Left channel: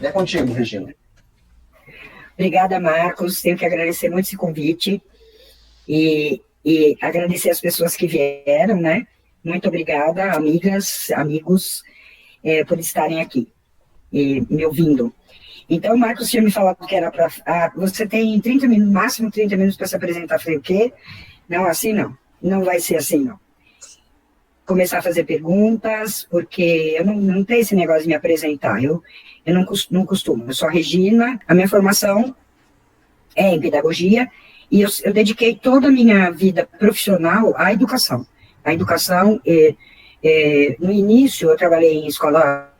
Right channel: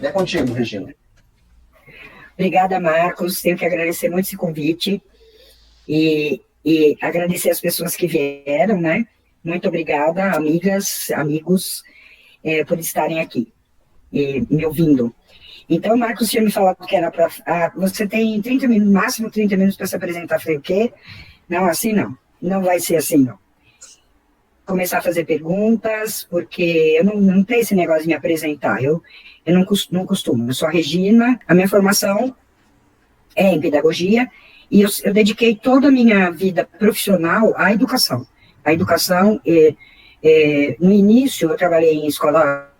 É contigo, Regina. Obrigada, Marcos. Tenho que agradecer muito esse convite e agradecer as pessoas que vieram, né? Muito obrigada, amigas, amigos, por estarem aqui e me ouvindo. Então, o Marcos tinha me falado que era para. Você tem 30 minutos, máximo 30 minutos para se apresentar. Eu falei, o quê? Não, assim não. Não vai ser assim, não. Começar a fazer perguntas, porque eu não tenho esse negócio de me apresentar. Eu não costumo. Eu sou a Regina, a minha formação é em pedagogia, e eu dediquei toda a minha vida profissional à educação. A educação, no início, eu trabalhei em escola,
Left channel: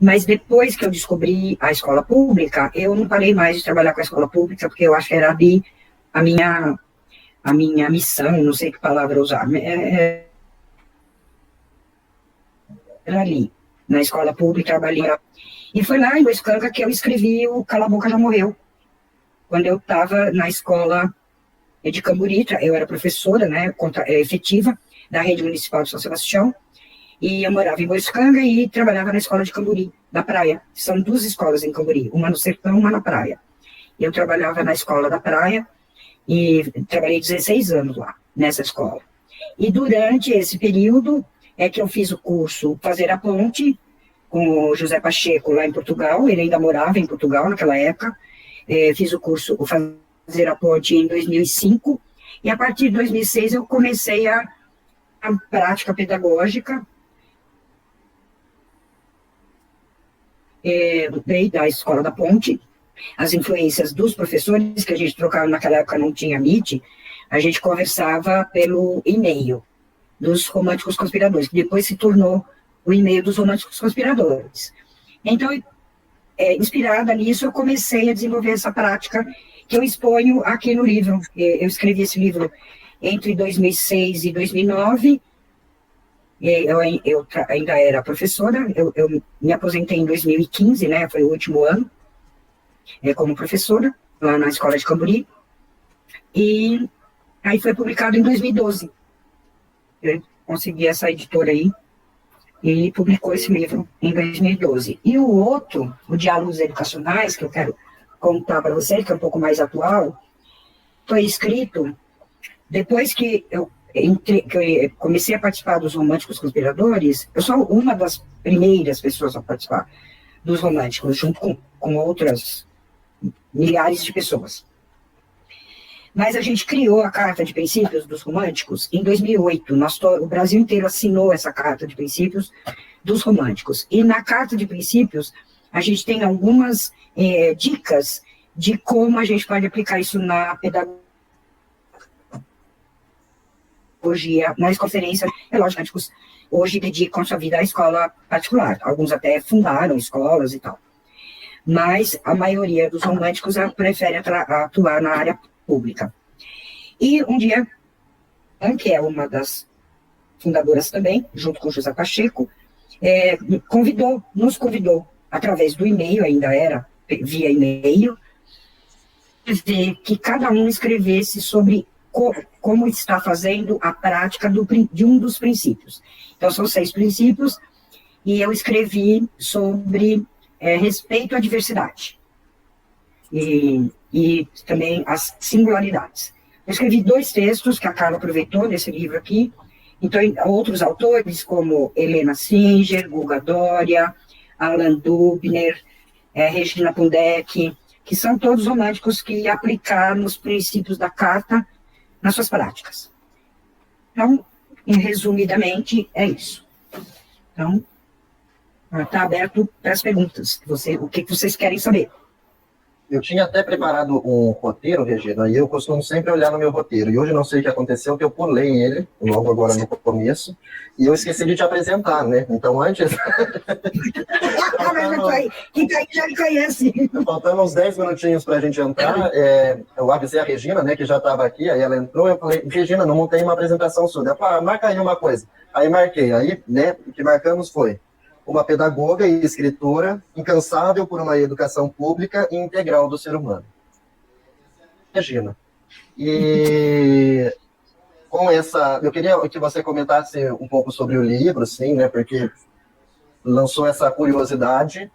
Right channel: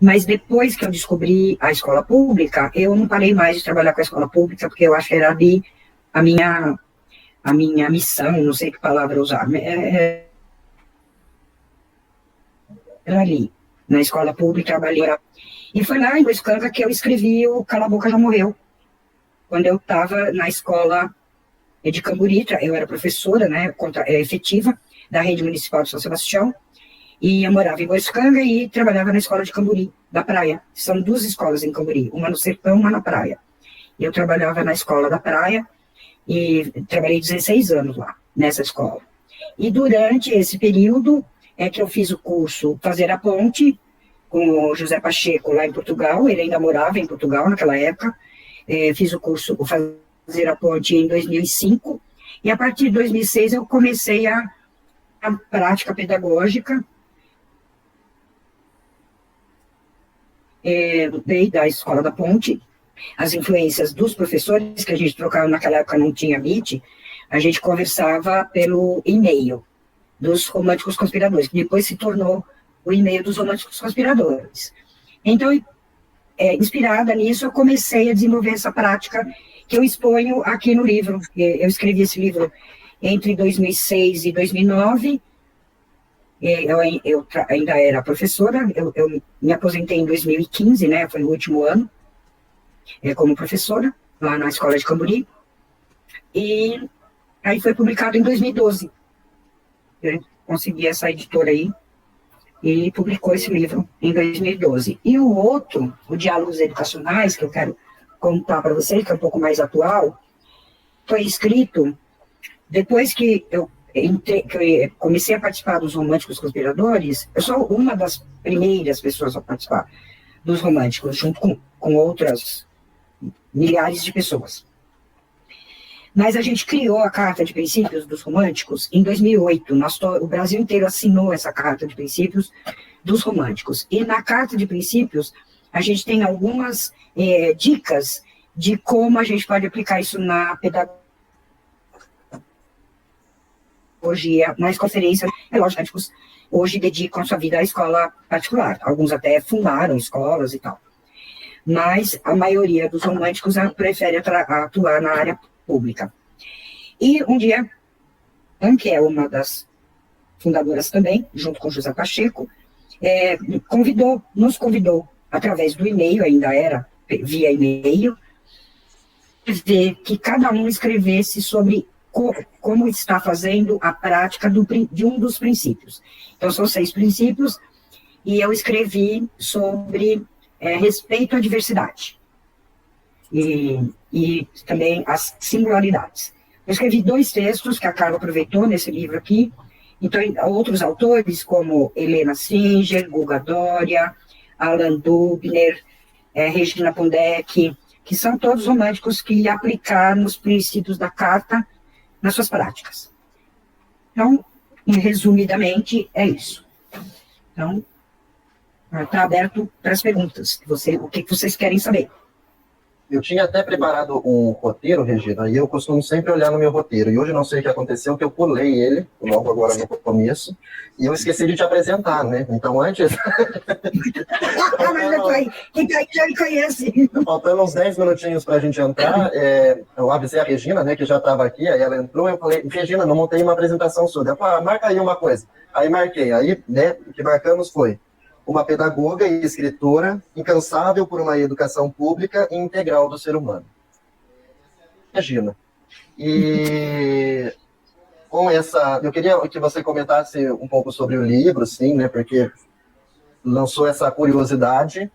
mas depois que eu descobri a escola pública, eu não parei mais de trabalhar com a escola pública, porque eu acho que era ali a minha missão, não sei que palavra usar, era ali, na escola pública, trabalhei. E foi lá em Boiscanga que eu escrevi o Cala a Boca Já Morreu, quando eu estava na escola de Camburi, eu era professora, né, efetiva, da rede municipal de São Sebastião, e eu morava em Boiscanga e trabalhava na escola de Camburi, da praia. São duas escolas em Camburi, uma no sertão, uma na praia. Eu trabalhava na escola da praia e trabalhei 16 anos lá, nessa escola. E durante esse período é que eu fiz o curso Fazer a Ponte, com o José Pacheco lá em Portugal, ele ainda morava em Portugal naquela época. Fiz o curso Fazer a Ponte em 2005, e a partir de 2006 eu comecei a prática pedagógica, da Escola da Ponte, as influências dos professores, que a gente trocava naquela época, não tinha Meet, a gente conversava pelo e-mail dos Românticos Conspiradores, que depois se tornou o e-mail dos Românticos Conspiradores. Então, inspirada nisso, eu comecei a desenvolver essa prática que eu exponho aqui no livro. Eu escrevi esse livro entre 2006 e 2009. Eu ainda era professora, eu me aposentei em 2015, né, foi o último ano, como professora, lá na Escola de Camburi. E aí foi publicado em 2012. Eu consegui essa editora aí, e publicou esse livro em 2012. E o outro, o Diálogos Educacionais, que eu quero contar para vocês, que é um pouco mais atual, foi escrito depois que eu comecei a participar dos Românticos Conspiradores. Eu sou uma das primeiras pessoas a participar dos Românticos, junto com outras milhares de pessoas. Mas a gente criou a Carta de Princípios dos Românticos em 2008. O Brasil inteiro assinou essa Carta de Princípios dos Românticos. E na Carta de Princípios, a gente tem algumas dicas de como a gente pode aplicar isso na pedagogia, nas conferências. Lógico, hoje dedicam sua vida à escola particular. Alguns até fundaram escolas e tal. Mas a maioria dos românticos prefere atuar na área pública. E um dia, que é uma das fundadoras também, junto com José Pacheco, nos convidou, através do e-mail, ainda era via e-mail, que cada um escrevesse sobre como está fazendo a prática de um dos princípios. Então, são 6 princípios, e eu escrevi sobre respeito à diversidade. E também as singularidades. Eu escrevi 2 textos que a Carla aproveitou nesse livro aqui. Então, outros autores, como Helena Singer, Guga Doria, Alan Dubner, Regina Pondek, que são todos românticos que aplicaram os princípios da Carta nas suas práticas. Então, resumidamente, é isso. Então, está aberto para as perguntas. O que vocês querem saber? Eu tinha até preparado um roteiro, Regina, e eu costumo sempre olhar no meu roteiro. E hoje não sei o que aconteceu, que eu pulei ele, logo agora no começo, e eu esqueci de te apresentar, né? Então, antes... Quem tá aí já me conhece. Faltando uns 10 minutinhos para a gente entrar, eu avisei a Regina, né, que já estava aqui, aí ela entrou, eu falei, Regina, não montei uma apresentação sua. Ela falou, marca aí uma coisa. Aí marquei, aí, né, o que marcamos foi uma pedagoga e escritora incansável por uma educação pública e integral do ser humano. Regina. E com essa... Eu queria que você comentasse um pouco sobre o livro, sim, né, porque lançou essa curiosidade.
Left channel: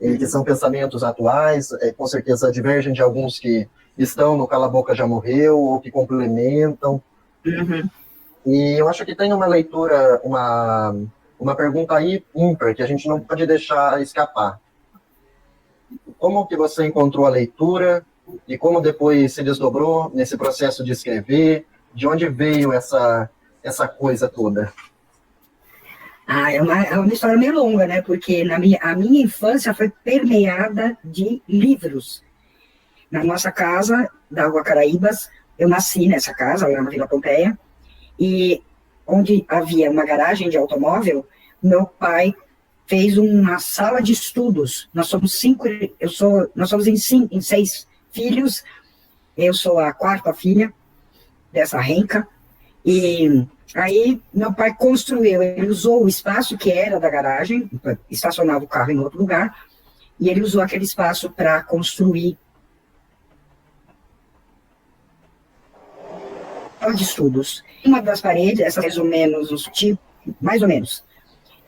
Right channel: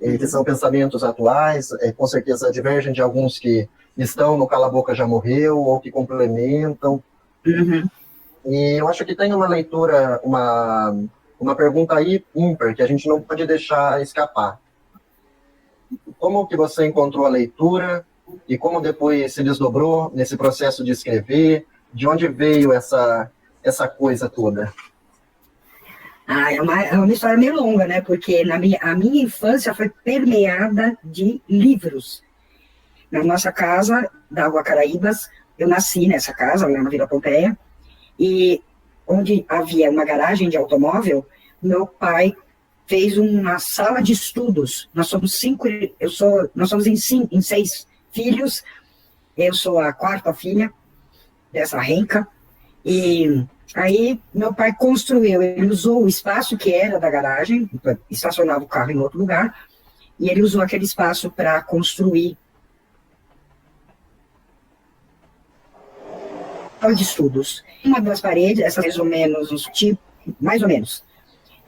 e que são pensamentos atuais, com certeza divergem de alguns que estão no Cala a Boca Já Morreu, ou que complementam. Uhum. E eu acho que tem uma leitura, uma pergunta aí ímpar, que a gente não pode deixar escapar. Como que você encontrou a leitura e como depois se desdobrou nesse processo de escrever? De onde veio essa coisa toda? É uma história meio longa, né? Porque a minha infância foi permeada de livros. Na nossa casa, da Rua Caraíbas, eu nasci nessa casa, lá na Vila Pompeia, e onde havia uma garagem de automóvel, meu pai fez uma sala de estudos. Nós somos nós somos em 6 filhos, eu sou a 4ª filha dessa renca, e aí meu pai construiu, ele usou o espaço que era da garagem, estacionava o carro em outro lugar, e ele usou aquele espaço para construir de estudos. Uma das paredes, essa mais ou menos, tipo, mais ou menos.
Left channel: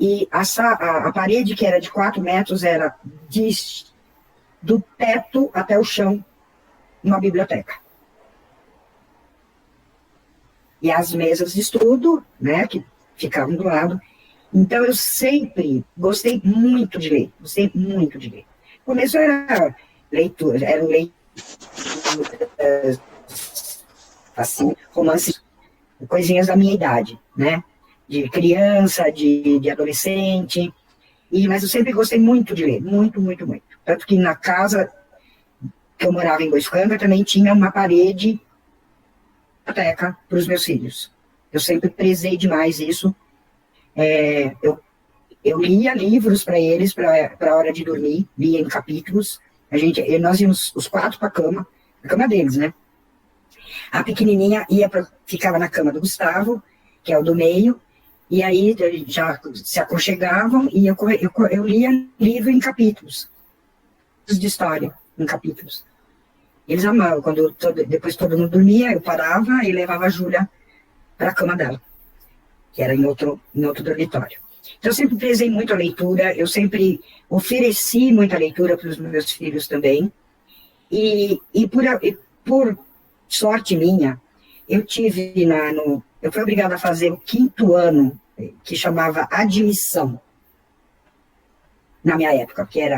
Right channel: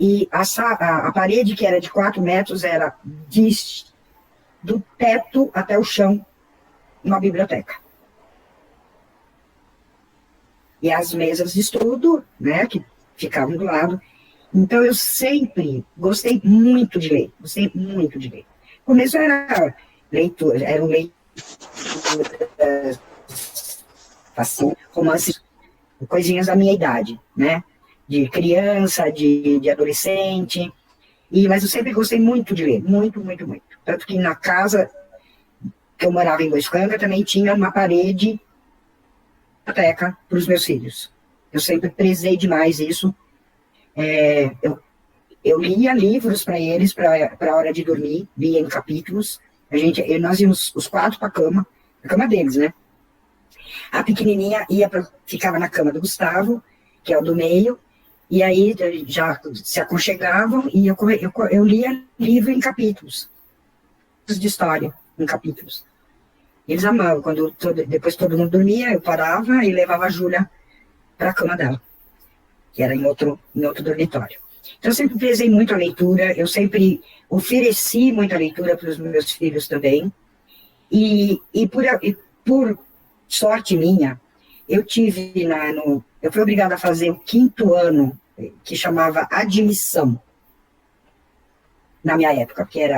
E a parede, que era de 4 metros, era do teto até o chão, uma biblioteca. E as mesas de estudo, né, que ficavam do lado. Então, eu sempre gostei muito de ler. Gostei muito de ler. No começo era leitura, eram leituras assim, romances, coisinhas da minha idade, né? De criança, de adolescente. Mas eu sempre gostei muito de ler, muito, muito, muito. Tanto que na casa que eu morava em Boiscanga também tinha uma parede biblioteca para os meus filhos. Eu sempre prezei demais isso. Eu lia livros para eles para a hora de dormir, lia em capítulos. Nós íamos os 4 para a cama deles, né? A pequenininha ficava na cama do Gustavo, que é o do meio, e aí já se aconchegavam e eu lia livro em capítulos, de história, em capítulos. Eles amavam. Depois todo mundo dormia, eu parava e levava a Júlia para a cama dela, que era em outro dormitório. Então, eu sempre prezei muito a leitura, eu sempre ofereci muita leitura para os meus filhos também, e por sorte minha, eu fui obrigada a fazer o 5º ano, que chamava admissão, na minha época, que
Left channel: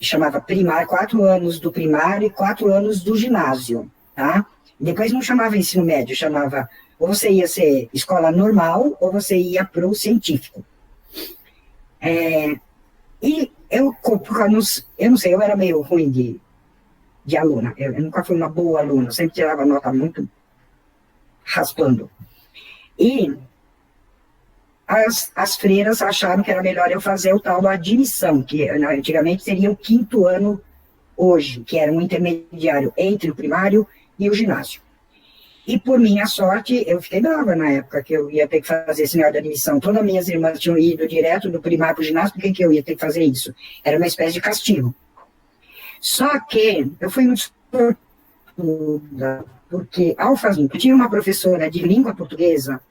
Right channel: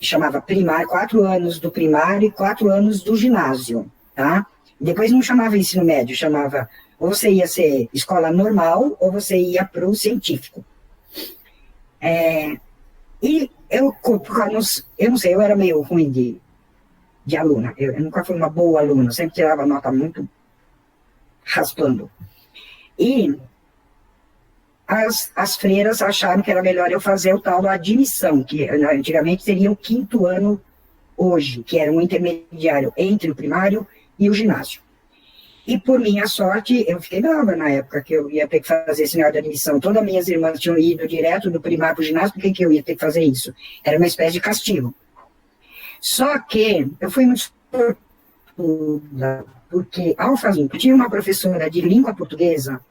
chamava primário, 4 anos do primário e 4 anos do ginásio, tá? Depois não chamava ensino médio, chamava, ou você ia ser escola normal, ou você ia para o científico. E eu não sei, eu era meio ruim de aluna, eu nunca fui uma boa aluna, sempre tirava nota muito raspando. E as freiras acharam que era melhor eu fazer o tal da admissão, que antigamente seria o 5º ano hoje, que era um intermediário entre o primário e o ginásio. E por minha sorte, eu fiquei brava na época que eu ia ter que fazer esse negócio de admissão. Todas as minhas irmãs tinham ido direto do primário para o ginásio, por que eu ia ter que fazer isso? Era uma espécie de castigo. Só que eu fui muito sortuda, porque ao fazer, tinha uma professora de língua portuguesa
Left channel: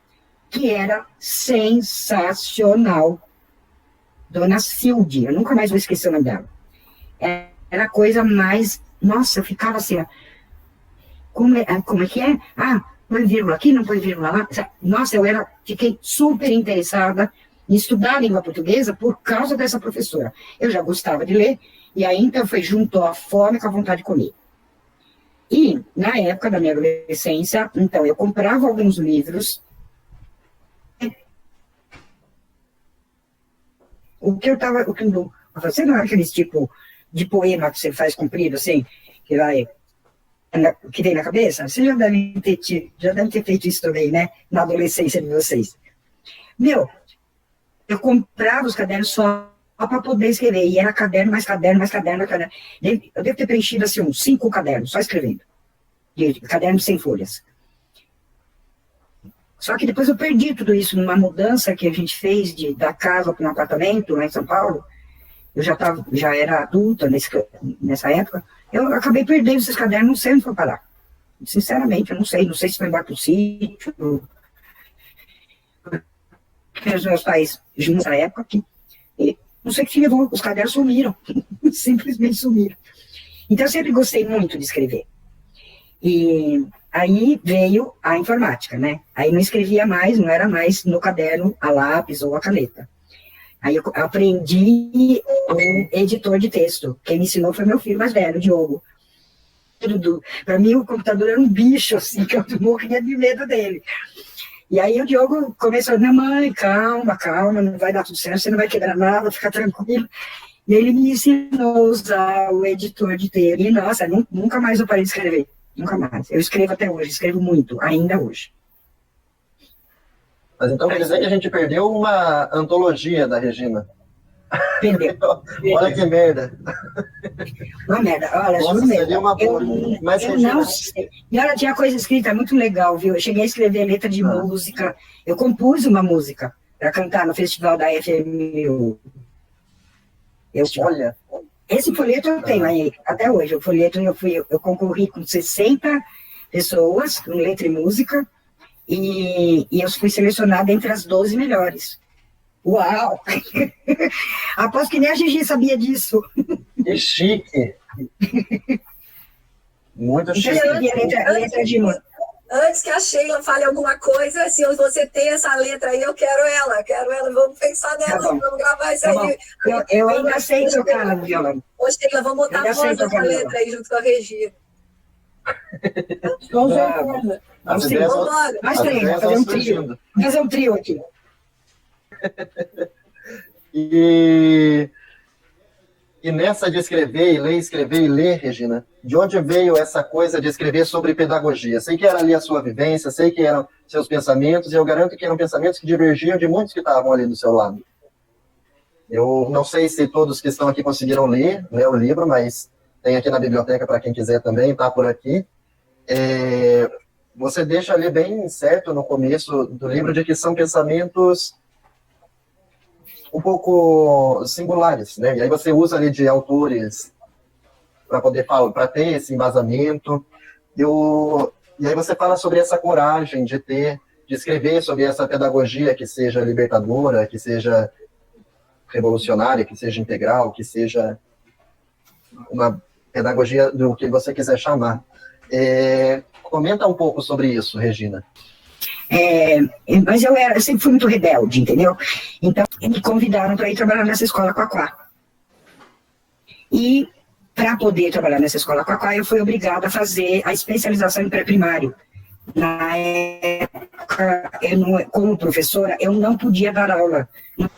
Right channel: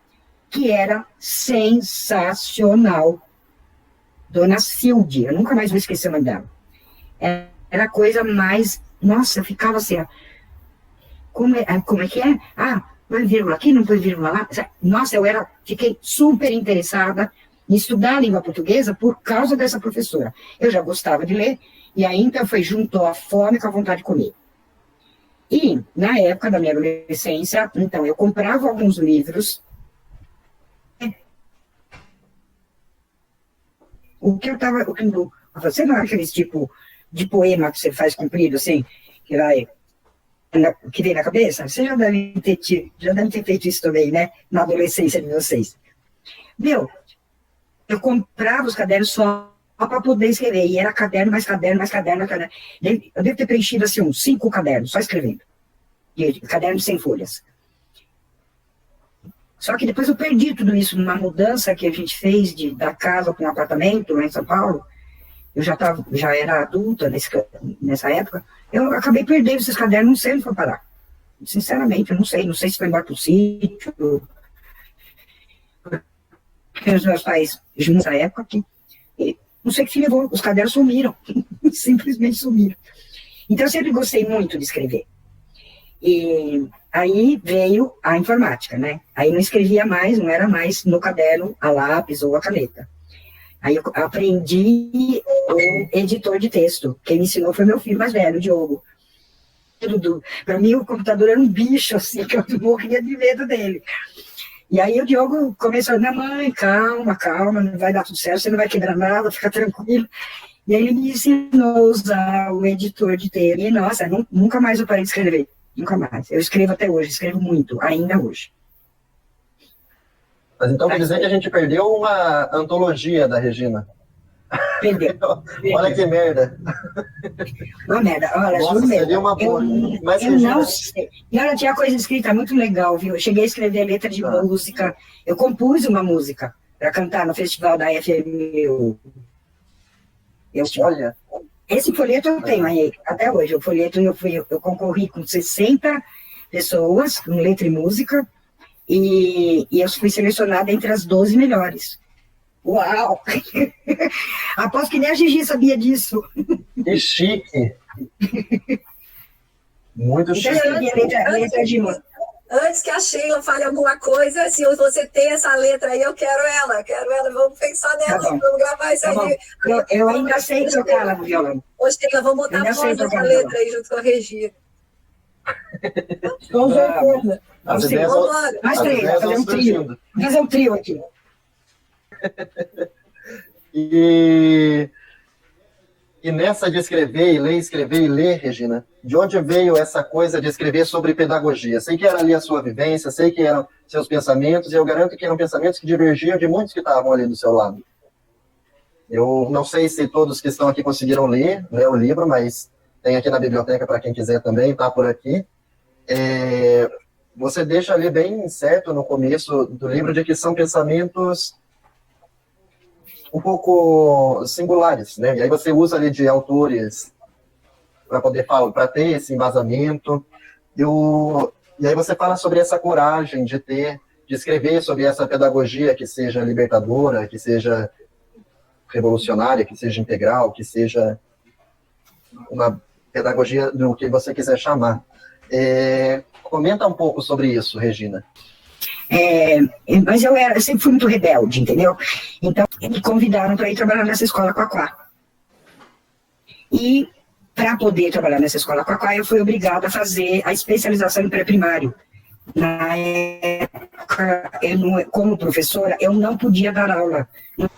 que era sensacional, Dona Silde, eu nunca mais vou esquecer o nome dela. Era a coisa mais, nossa, eu ficava assim, como é que é? Põe vírgula aqui, não põe vírgula lá. Nossa, fiquei super interessada em estudar a língua portuguesa por causa dessa professora. Eu já gostava de ler, e aí então juntou a fome com a vontade de comer. E, na época da minha adolescência, então, eu comprava alguns livros. O que eu estava lendo, você não é aqueles tipo de poema que você faz comprido, assim, que vem na cabeça? Você já deve ter feito isso também, né? Na adolescência de vocês. Eu comprava os cadernos só para poder escrever, e era caderno, mais caderno, mais caderno, mais caderno. Eu devo ter preenchido, assim, uns 5 cadernos, só escrevendo. Caderno sem folhas. Só que depois eu perdi tudo isso numa mudança que a gente fez da casa para um apartamento lá em São Paulo. Eu já era adulta nessa época. Eu acabei perdendo esses cadernos, não sei onde foi parar. Sinceramente, eu não sei. Não sei se foi embora para o sítio. Os meus pais juntos na época. Não sei o que levou, os cadernos sumiram, simplesmente sumiram. Então, eu sempre gostei muito de escrever. E aí veio a informática, né? Aí não escrevia mais, não era mais no caderno a lápis ou a caneta. Aí eu aprendi o editor de texto. Quem me ensinou foi meu filho mais velho, o Diogo. Para mim, o computador era um bicho, assim, que eu morria de medo dele. E aí o Diogo começou, minha mãe, calma, calma, não vai dar tudo certo, você não vai quebrar nada, fica tranquilo. E aí ele me ensinou a usar o editor de texto. E, nossa, nunca mais eu parei de escrever. Nunca mais. Eu escrevo até hoje, escrevo muito, ainda hoje. Mas então quer dizer que a gente perdeu uma antologia da Regina. Perdeu. Olha que merda. Uma merda. Olha, Nossa, seria mesmo. uma boa. Mas Eu não sei. E ela tinha coisa escrita muito legal, viu? Eu cheguei a escrever letra de música. Eu compus uma música para cantar no festival da FMU. Olha. Esse folheto eu tenho aí, até hoje. O folheto eu concorri com 60 pessoas, com letra e música, e eu fui selecionada entre as 12 melhores. Uau! Aposto que nem a Gigi sabia disso. Que chique! Muito chique. Letra de música. Antes que a Sheila fale alguma coisa, se você tem essa letra aí, eu quero ela, vamos pensar nela, vamos gravar isso aí. Eu ainda sei tocar ela no violão. Ô, Sheila, vamos botar a voz dessa letra aí junto com a Regina. Com certeza. As ideias Fazer um trio aqui. E nessa de escrever e ler, Regina, de onde veio essa coisa de escrever sobre pedagogia? Sei que era ali a sua vivência, sei que eram seus pensamentos, e eu garanto que eram pensamentos que divergiam de muitos que estavam ali do seu lado. Eu não sei se todos que estão aqui conseguiram ler o livro, mas tem aqui na biblioteca para quem quiser também, está por aqui. Você deixa ali bem certo no começo do livro de que são pensamentos um pouco singulares, né? E aí você usa ali de autores para poder falar, para ter esse embasamento. E aí você fala sobre essa coragem de escrever sobre essa pedagogia que seja libertadora, que seja revolucionária, que seja integral, que seja uma pedagogia do que você quiser chamar. Comenta um pouco sobre isso, Regina. Mas eu sempre fui muito rebelde, entendeu? Então, me convidaram para ir trabalhar nessa escola Quaquá. E, para poder trabalhar nessa escola Quaquá, eu fui obrigada a fazer a especialização em pré-primário. Na época, como professora, eu não podia dar aula.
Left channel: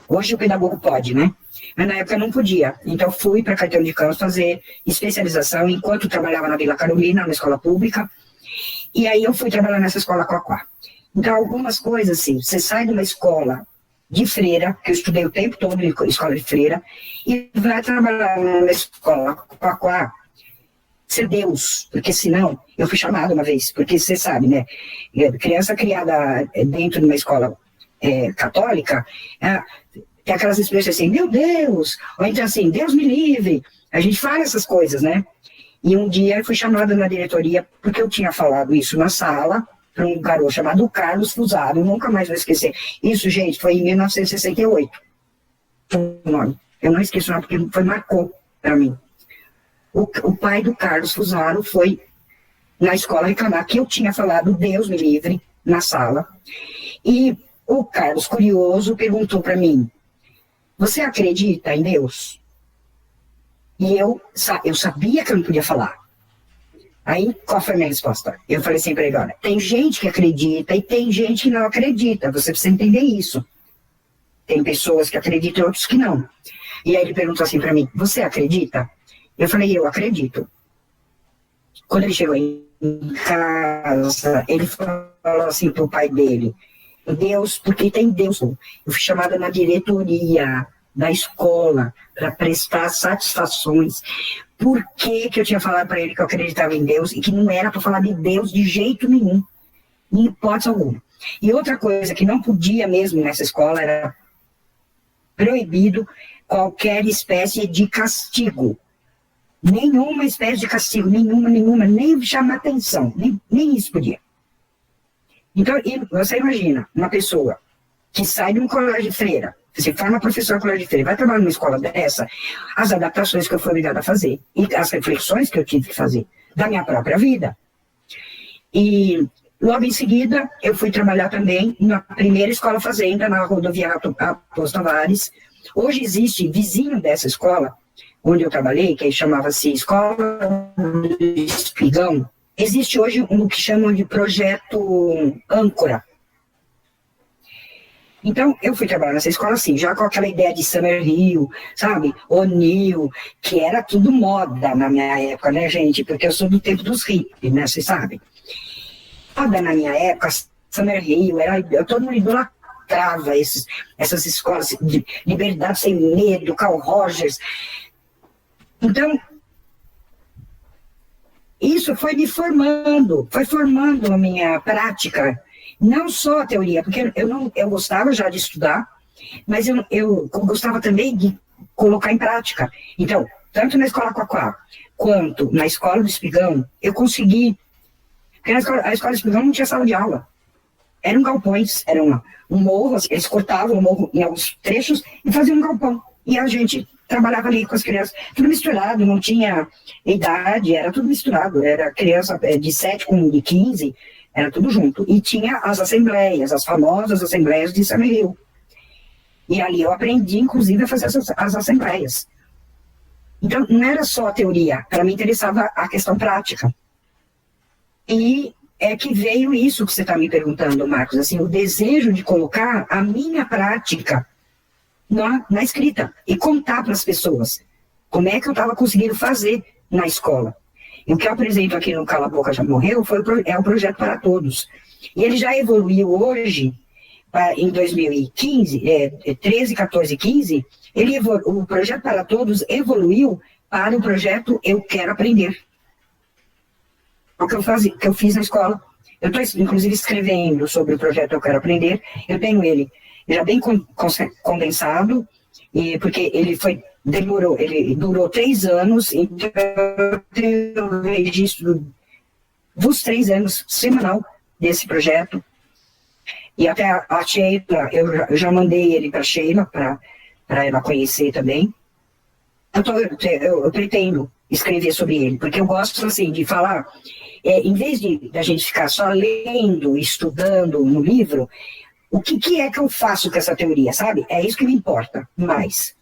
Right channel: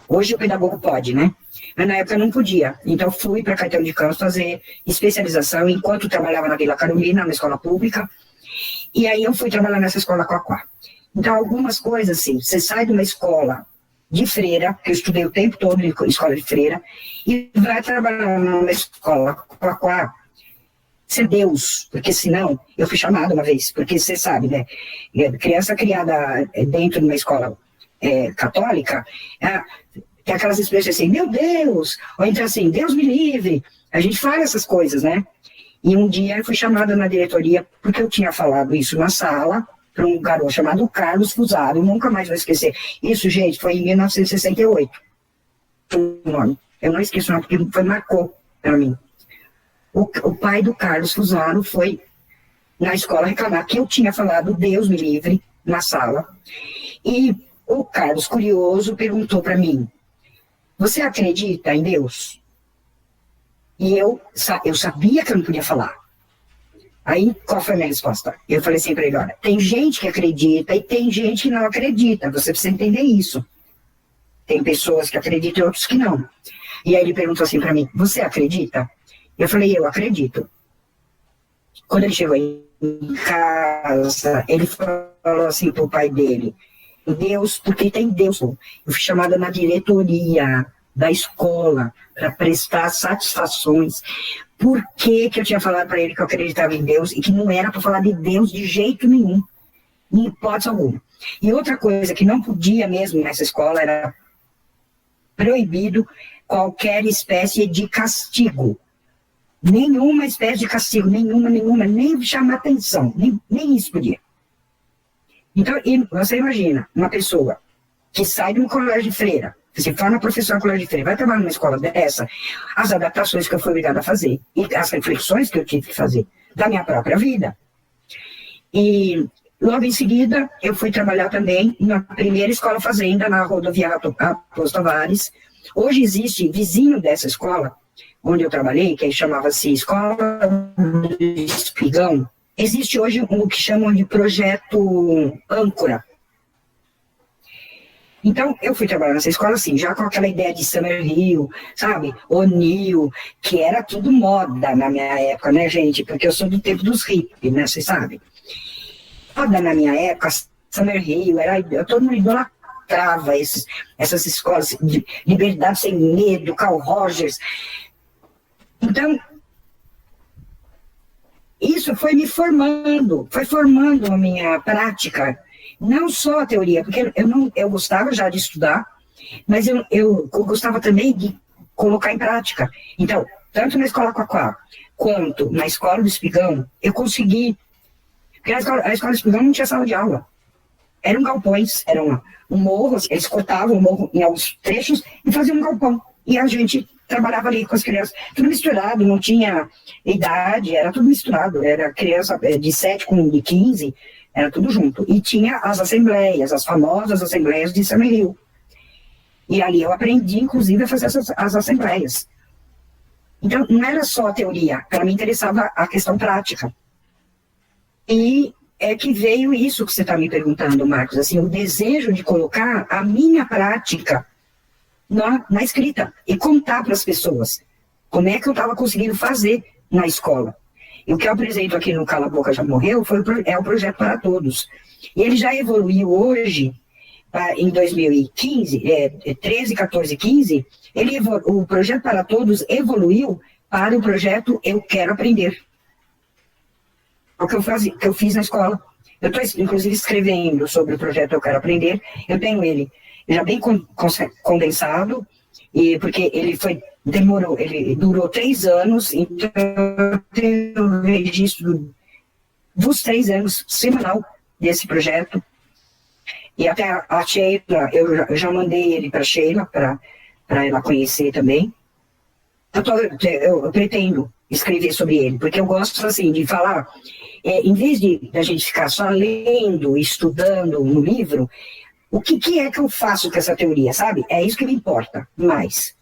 Hoje o pedagogo pode, né? Mas na época eu não podia. Então, fui para Caetano de Campos fazer especialização enquanto trabalhava na Vila Carolina, na escola pública. E aí eu fui trabalhar nessa escola Quaquá. Então, algumas coisas, assim, você sai de uma escola de freira, que eu estudei o tempo todo em escola de freira, e vai trabalhar numa escola Quaquá, ser Deus, porque senão, eu fui chamada uma vez, porque você sabe, né, criança criada dentro de uma escola católica, tem aquelas expressões assim, meu Deus, ou então assim, Deus me livre, a gente fala essas coisas, né, e um dia eu fui chamada na diretoria, porque eu tinha falado isso na sala, para um garoto chamado Carlos Fusaro, nunca mais vou esquecer. Isso, gente, foi em 1968. Eu não esqueço não, porque marcou para mim. O pai do Carlos Fusaro foi na escola reclamar que eu tinha falado Deus me livre na sala. E o Carlos, curioso, perguntou para mim, você acredita em Deus? E eu sabia que eu não podia falar. Aí, qual foi a minha resposta? Eu falei assim para ele, olha, tem gente que acredita e tem gente que não acredita, você precisa entender isso. Tem pessoas que acreditam e outros que não. E aí ele perguntou assim para mim, você acredita? Eu falei, eu acredito. Quando ele chegou em casa, ele falou assim pro pai dele, Deus, porque tem Deus. Eu fui chamada na diretoria da escola para prestar satisfações. Por que eu tinha falado para ele que eu acreditava em Deus e que não era para falar de Deus de jeito nenhum, em hipótese alguma. E outra coisa que não podia mesmo nessa escola era proibido qualquer espécie de castigo. Nenhuma espécie de castigo, nenhuma, nem chamar atenção, nem isso podia. Então, você imagina, uma pessoa que sai de um colégio de freira, Você forma professor no colégio de freira, vai trabalhar numa escola dessa, as adaptações que eu fui obrigada a fazer, e as reflexões que eu tive que fazer da minha própria vida. E logo em seguida, eu fui trabalhar também na primeira escola fazenda, na rodovia Raposo Tavares. Hoje existe, vizinho dessa escola, onde eu trabalhei, que chamava-se Escola do Espigão, existe hoje o que chamam de projeto âncora. Então, eu fui trabalhar nessa escola assim, já com aquela ideia de Summerhill, sabe? O'Neill, que era tudo moda na minha época, né, gente? Porque eu sou do tempo dos hippies, né, vocês sabem? Moda na minha época, Summerhill, todo mundo idolatrava essas escolas de liberdade sem medo, Carl Rogers. Então, isso foi me formando, foi formando a minha prática, não só a teoria, porque eu gostava já de estudar, mas eu gostava também de colocar em prática. Então, tanto na Escola Quaquá, quanto na Escola do Espigão, eu consegui, porque a escola do Espigão não tinha sala de aula, eram galpões, era um morro, eles cortavam o morro em alguns trechos e faziam um galpão, e a gente trabalhava ali com as crianças, tudo misturado, não tinha idade, era tudo misturado, era criança de 7 com de 15, era tudo junto. E tinha as assembleias, as famosas assembleias de Summerhill. E ali eu aprendi, inclusive, a fazer as assembleias. Então, não era só a teoria, para mim interessava a questão prática. E é que veio isso que você está me perguntando, Marcos, assim, o desejo de colocar a minha prática na escrita e contar para as pessoas como é que eu estava conseguindo fazer na escola. E o que eu apresento aqui no Cala a Boca Já Morreu é o Projeto para Todos. E ele já evoluiu hoje, em 2015, 13, 14, 15, o Projeto para Todos evoluiu para o projeto Eu Quero Aprender. É o que eu fiz na escola. Eu estou, inclusive, escrevendo sobre o projeto Eu Quero Aprender. Eu tenho ele já bem condensado, porque ele durou 3 anos, então eu tenho o registro dos 3 anos semanal desse projeto. E até a Sheila, eu já mandei ele para a Sheila, para ela conhecer também. Eu pretendo escrever sobre ele, porque eu gosto assim de falar, em vez da gente ficar só lendo, estudando no livro, o que é que eu faço com essa teoria, sabe? É isso que me importa mais.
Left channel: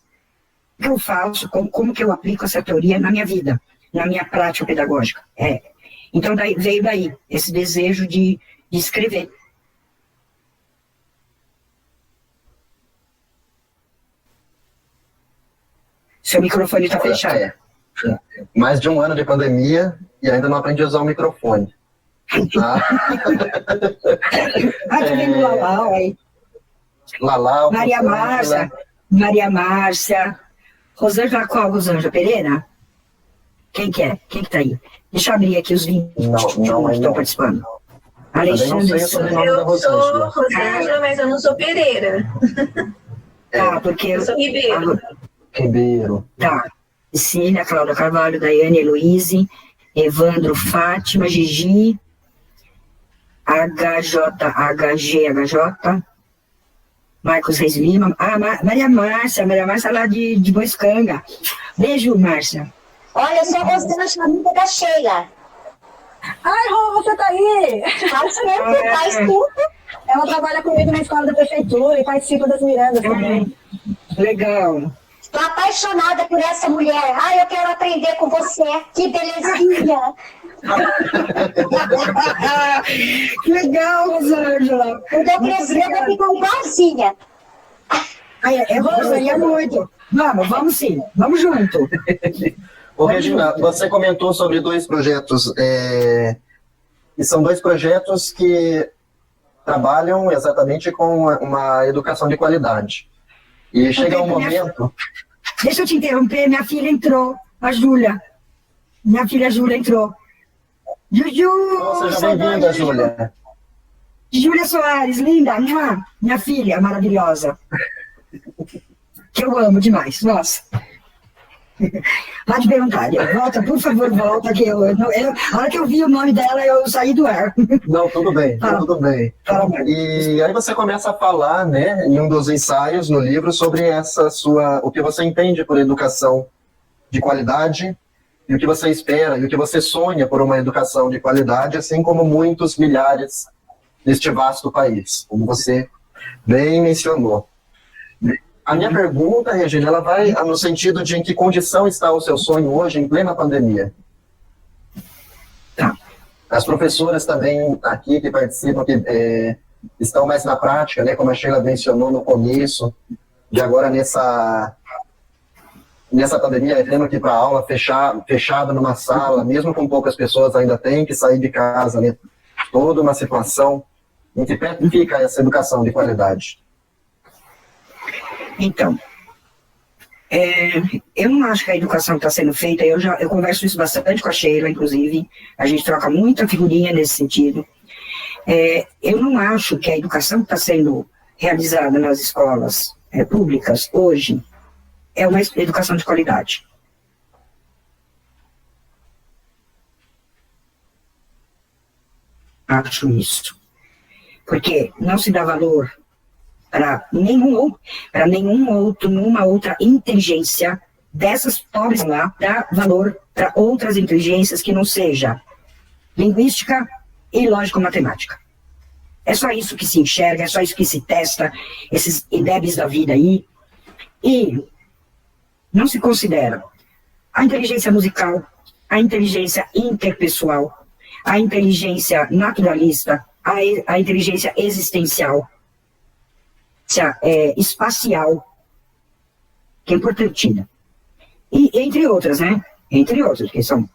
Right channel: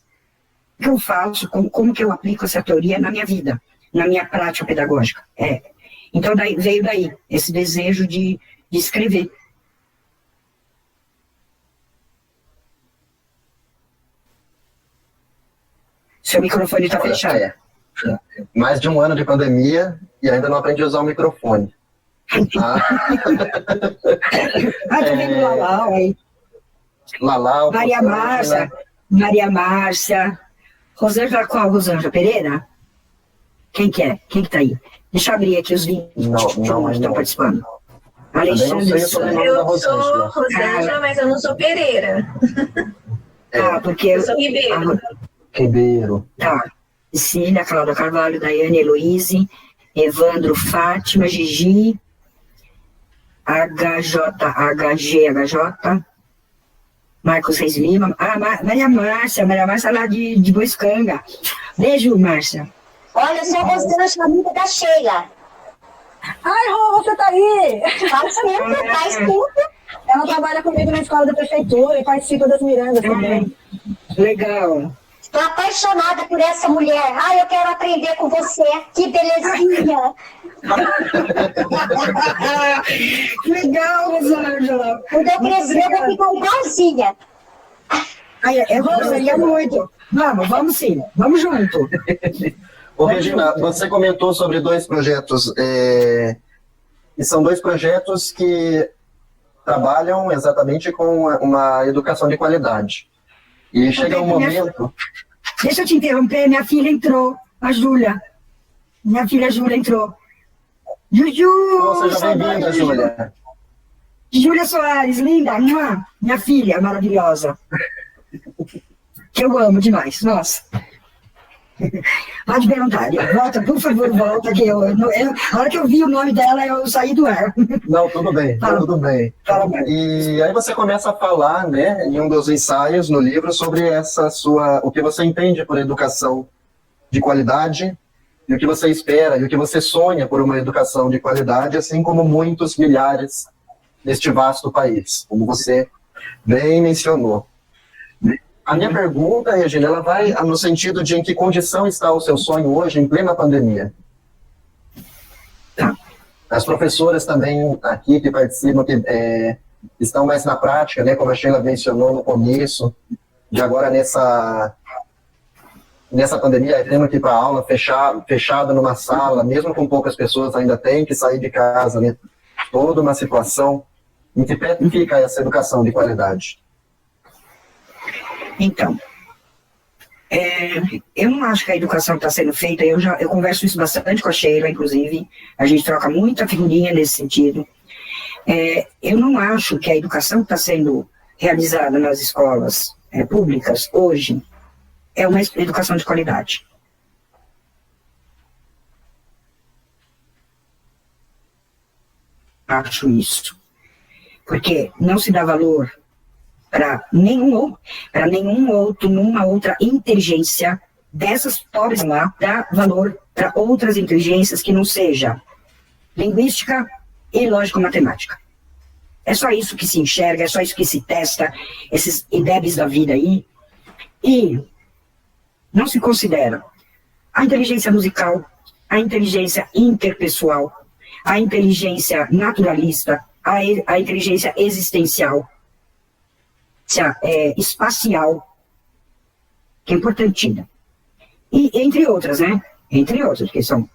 O que eu faço, como que eu aplico essa teoria na minha vida, na minha prática pedagógica. Então veio daí esse desejo de escrever. Seu microfone está fechado. Mais de 1 ano de pandemia e ainda não aprendi a usar o microfone. Também do Lalau aí. Lalau. Maria Márcia. Rosângela qual? Rosângela Pereira? Quem que é? Quem que tá aí? Deixa eu abrir aqui os 20 que estão participando. Eu sou Rosângela, mas eu não sou Pereira. Porque eu sou Ribeiro. Tá. Cecília, Cláudia Carvalho, Daiane, Heloíse, Evandro, Fátima, Gigi, HG, Marcos Reis Lima, Maria Márcia lá de Boiscanga. Beijo, Márcia. Olha, eu sou a Rosângela, amiga da Sheila. Ai, Rô, você tá aí? Faz tempo. Ela trabalha comigo na escola da prefeitura e participa das mirandas também. Legal. Estou apaixonada por essa mulher. Ai, eu quero aprender com você. Que belezinha. Legal, Rosângela. Quando eu crescer, eu vou ficar igualzinha. Eu gostaria muito. Vamos sim. Vamos junto. Ô, Regina, você comentou sobre 2 projetos, e são 2 projetos que trabalham exatamente com uma educação de qualidade. E chega um momento... Deixa eu te interromper, minha filha entrou, a Júlia. Minha filha Júlia entrou. Juju! Seja bem-vinda, Júlia. Júlia Soares, linda, minha filha maravilhosa. Que eu amo demais, nossa. Pode perguntar, volta, por favor, volta, que a hora que eu vi o nome dela, eu saí do ar. Não, tudo bem, tudo bem. E aí você começa a falar, né, em um dos ensaios no livro, sobre o que você entende por educação de qualidade, e o que você espera, e o que você sonha por uma educação de qualidade, assim como muitos milhares neste vasto país, como você bem mencionou. A minha pergunta, Regina, ela vai no sentido de em que condição está o seu sonho hoje, em plena pandemia? Tá. As professoras também aqui que participam, que estão mais na prática, né, como a Sheila mencionou no começo, de agora nessa pandemia, tendo que ir para a aula fechada numa sala, mesmo com poucas pessoas, ainda tem que sair de casa, né? Toda uma situação. Em que pé fica essa educação de qualidade? Então, eu não acho que a educação está sendo feita, eu converso isso bastante com a Sheila, inclusive, a gente troca muita figurinha nesse sentido. Eu não acho que a educação que está sendo realizada nas escolas públicas hoje é uma educação de qualidade. Acho isso. Porque não se dá valor para nenhuma outra inteligência dessas pobres lá, dá valor para outras inteligências que não seja linguística e lógico-matemática. É só isso que se enxerga, é só isso que se testa, esses IDEBs da vida aí, e não se considera a inteligência musical, a inteligência interpessoal, a inteligência naturalista, a inteligência existencial, espacial, que é importantíssima. E entre outras, né? Entre outras, que são...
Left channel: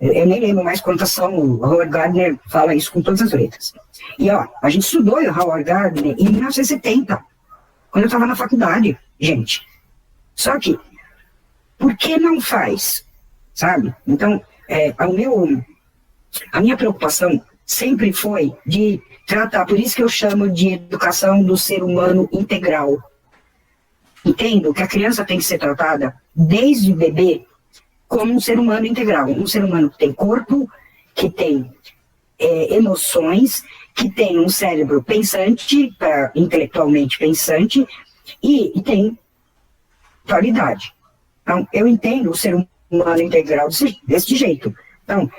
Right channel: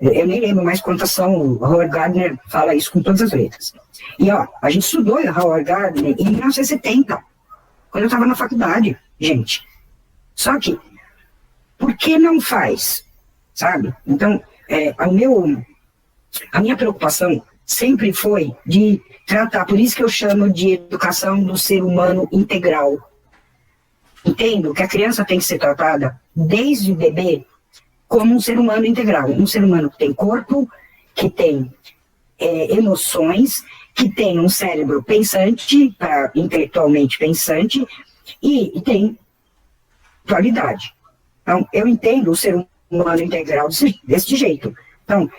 Eu nem lembro mais quantas são. O Howard Gardner fala isso com todas as letras. E, a gente estudou o Howard Gardner em 1970, quando eu estava na faculdade, gente. Só que, por que não faz? Sabe? Então, a minha preocupação sempre foi de tratar, por isso que eu chamo de educação do ser humano integral. Entendo que a criança tem que ser tratada desde bebê como um ser humano integral, um ser humano que tem corpo, que tem emoções, que tem um cérebro pensante, intelectualmente pensante, e tem qualidade. Então, eu entendo o ser humano integral desse jeito. Então,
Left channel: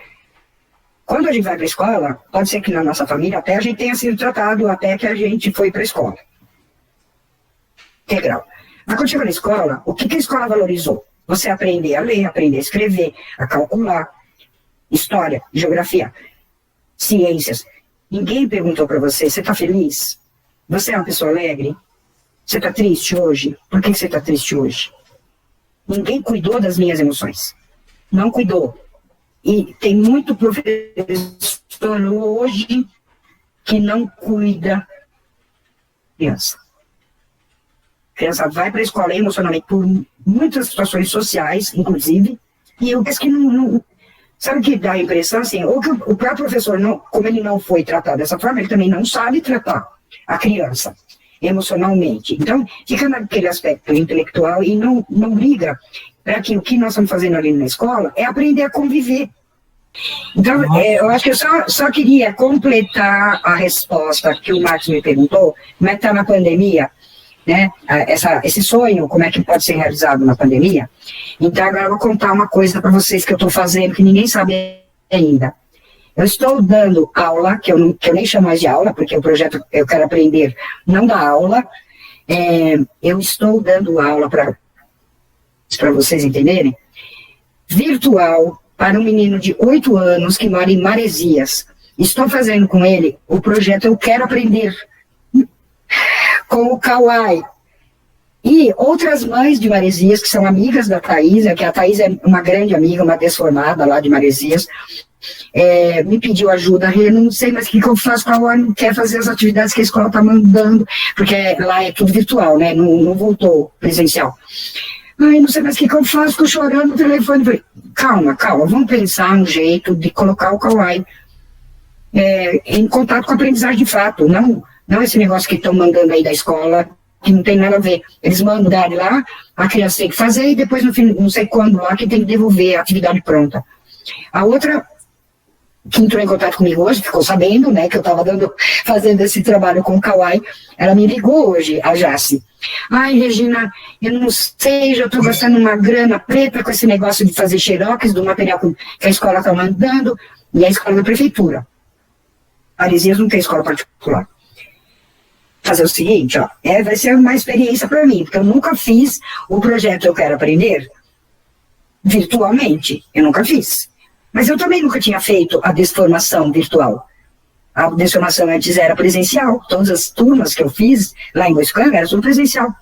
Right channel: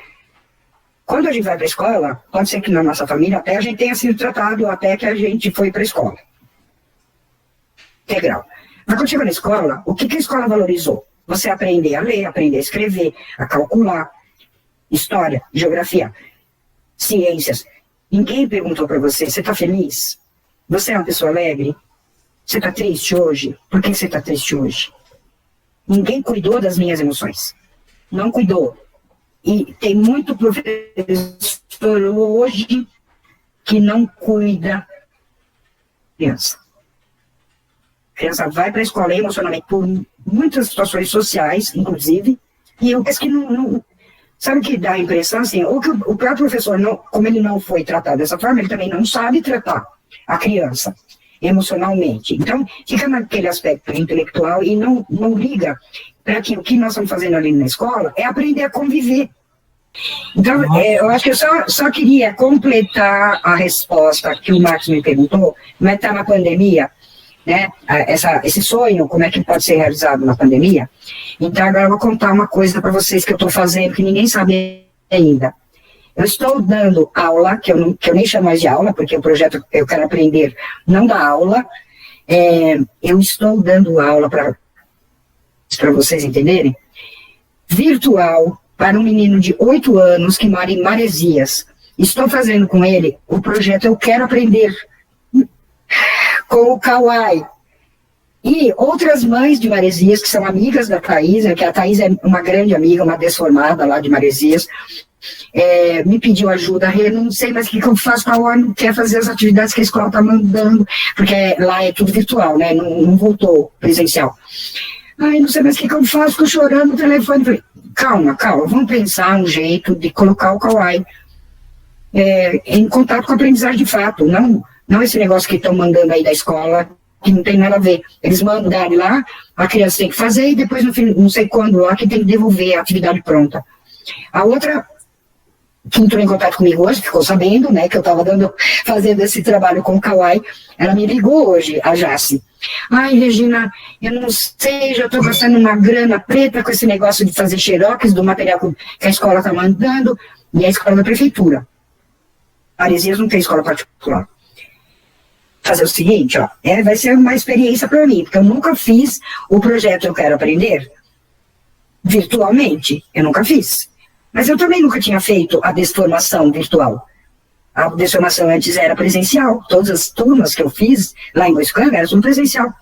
quando a gente vai para a escola, pode ser que na nossa família até a gente tenha sido tratado até que a gente foi para a escola. Integral. Mas quando chega na escola, o que a escola valorizou? Você aprender a ler, aprender a escrever, a calcular, história, geografia, ciências. Ninguém perguntou para você, você está feliz? Você é uma pessoa alegre? Você está triste hoje? Por que você está triste hoje? Ninguém cuidou das minhas emoções. Não cuidou. E tem muito professor hoje que não cuida da criança. A criança vai para a escola emocionalmente por muitas situações sociais, inclusive, e eu penso que não sabe que dá a impressão assim, ou que o próprio professor, como ele não foi tratado dessa forma, ele também não sabe tratar a criança emocionalmente. Então, fica naquele aspecto intelectual e não liga para que o que nós estamos fazendo ali na escola é aprender a conviver. Então, eu acho que eu só queria completar a resposta que o Marcos me perguntou, como é que está na pandemia, né? Esse sonho, como é que pode ser realizado na pandemia. Então, agora eu vou contar uma coisa para vocês que eu estou fazendo, que ninguém sabe ainda. Eu estou dando aula, que eu nem chamo mais de aula, porque o projeto Eu Quero Aprender não dá aula. Eu estou dando aula, para vocês entenderem, virtual, para um menino de 8 anos que mora em Maresias. Estou fazendo com ele o projeto Eu Quero Aprender, com o Kawai. E outras mães de Maresias, que são amigas da Thaís, que a Thaís é uma grande amiga, uma desformada lá de Maresias, me pediu ajuda. Eu não sei mais o que eu faço, a UOL não quer fazer as atividades que a escola está mandando, porque lá é tudo virtual, né? Não voltou presencial. Ai, não sei mais o que eu faço, fico chorando no telefone. Falei, calma, vamos pensar um jeito de colocar o Kawai em contato com a aprendizagem de fato, não esse negócio que estão mandando aí da escola, que não tem nada a ver. Eles mandam lá, a criança tem que fazer e depois, no fim, não sei quando lá, que tem que devolver a atividade pronta. A outra que entrou em contato comigo hoje, ficou sabendo, né, que eu estava fazendo esse trabalho com o Kawai, ela me ligou hoje, a Jace. Ai, Regina, eu não sei, já estou gastando uma grana preta com esse negócio de fazer xerox do material que a escola está mandando, e a escola da prefeitura. Aresias não tem escola particular. Fazer o seguinte, ó, vai ser uma experiência para mim, porque eu nunca fiz o projeto Eu Quero Aprender virtualmente, eu nunca fiz. Mas eu também nunca tinha feito a desformação virtual. A desformação antes era presencial. Todas as turmas que eu fiz lá em Boiscanga era tudo presencial.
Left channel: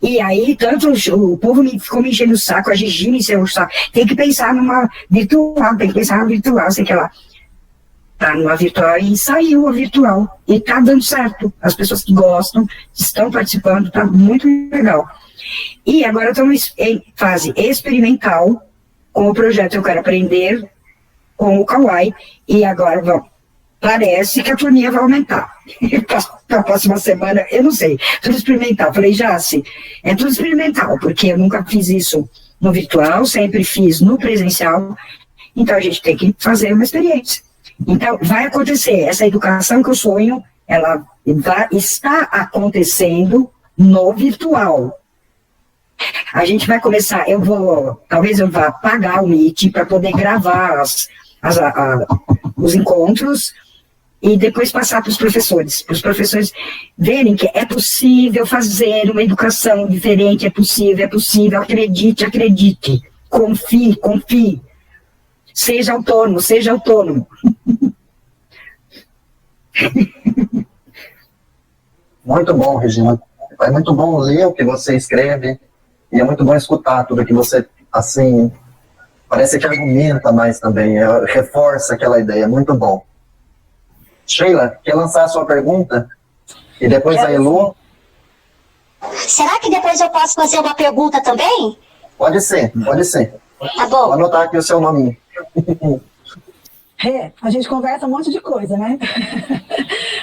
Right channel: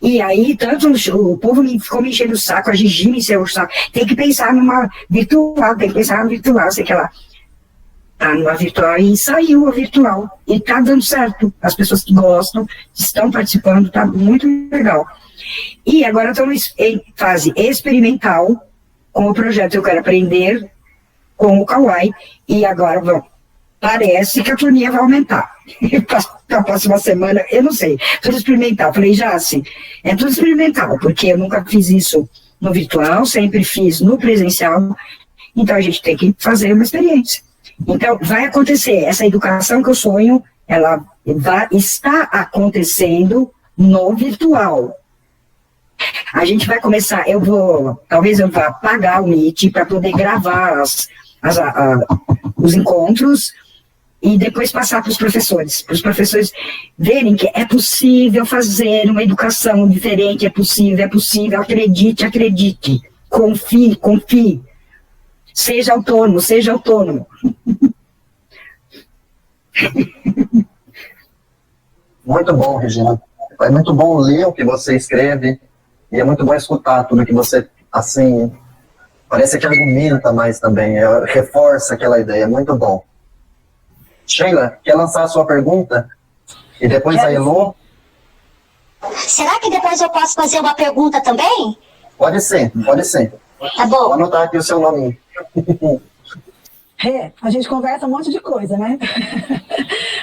E aí, tanto o povo ficou me enchendo o saco, a Gigi me encheu o saco. Tem que pensar numa virtual, tem que pensar numa virtual, sei que lá. Tá numa virtual e saiu a virtual. E tá dando certo. As pessoas que gostam, estão participando, tá muito legal. E agora estamos em fase experimental com o projeto Eu Quero Aprender, com o Kawai, e agora parece que a turminha vai aumentar. Para a próxima semana, eu não sei, tudo experimental. Falei, já assim, é tudo experimental, porque eu nunca fiz isso no virtual, sempre fiz no presencial, então a gente tem que fazer uma experiência. Então, vai acontecer, essa educação que eu sonho, ela está acontecendo no virtual. A gente vai começar, talvez eu vá pagar o Meet para poder gravar os encontros e depois passar para os professores verem que é possível fazer uma educação diferente, é possível, acredite, confie, seja autônomo. Muito bom, Regina. É muito bom ler o que você escreve e é muito bom escutar tudo que você, assim, parece que argumenta mais também, reforça aquela ideia, é muito bom. Sheila, quer lançar a sua pergunta? E depois a Elu? Será que depois eu posso fazer uma pergunta também? Pode ser. Tá bom. Vou anotar aqui o seu nominho. A gente conversa um monte de coisa, né?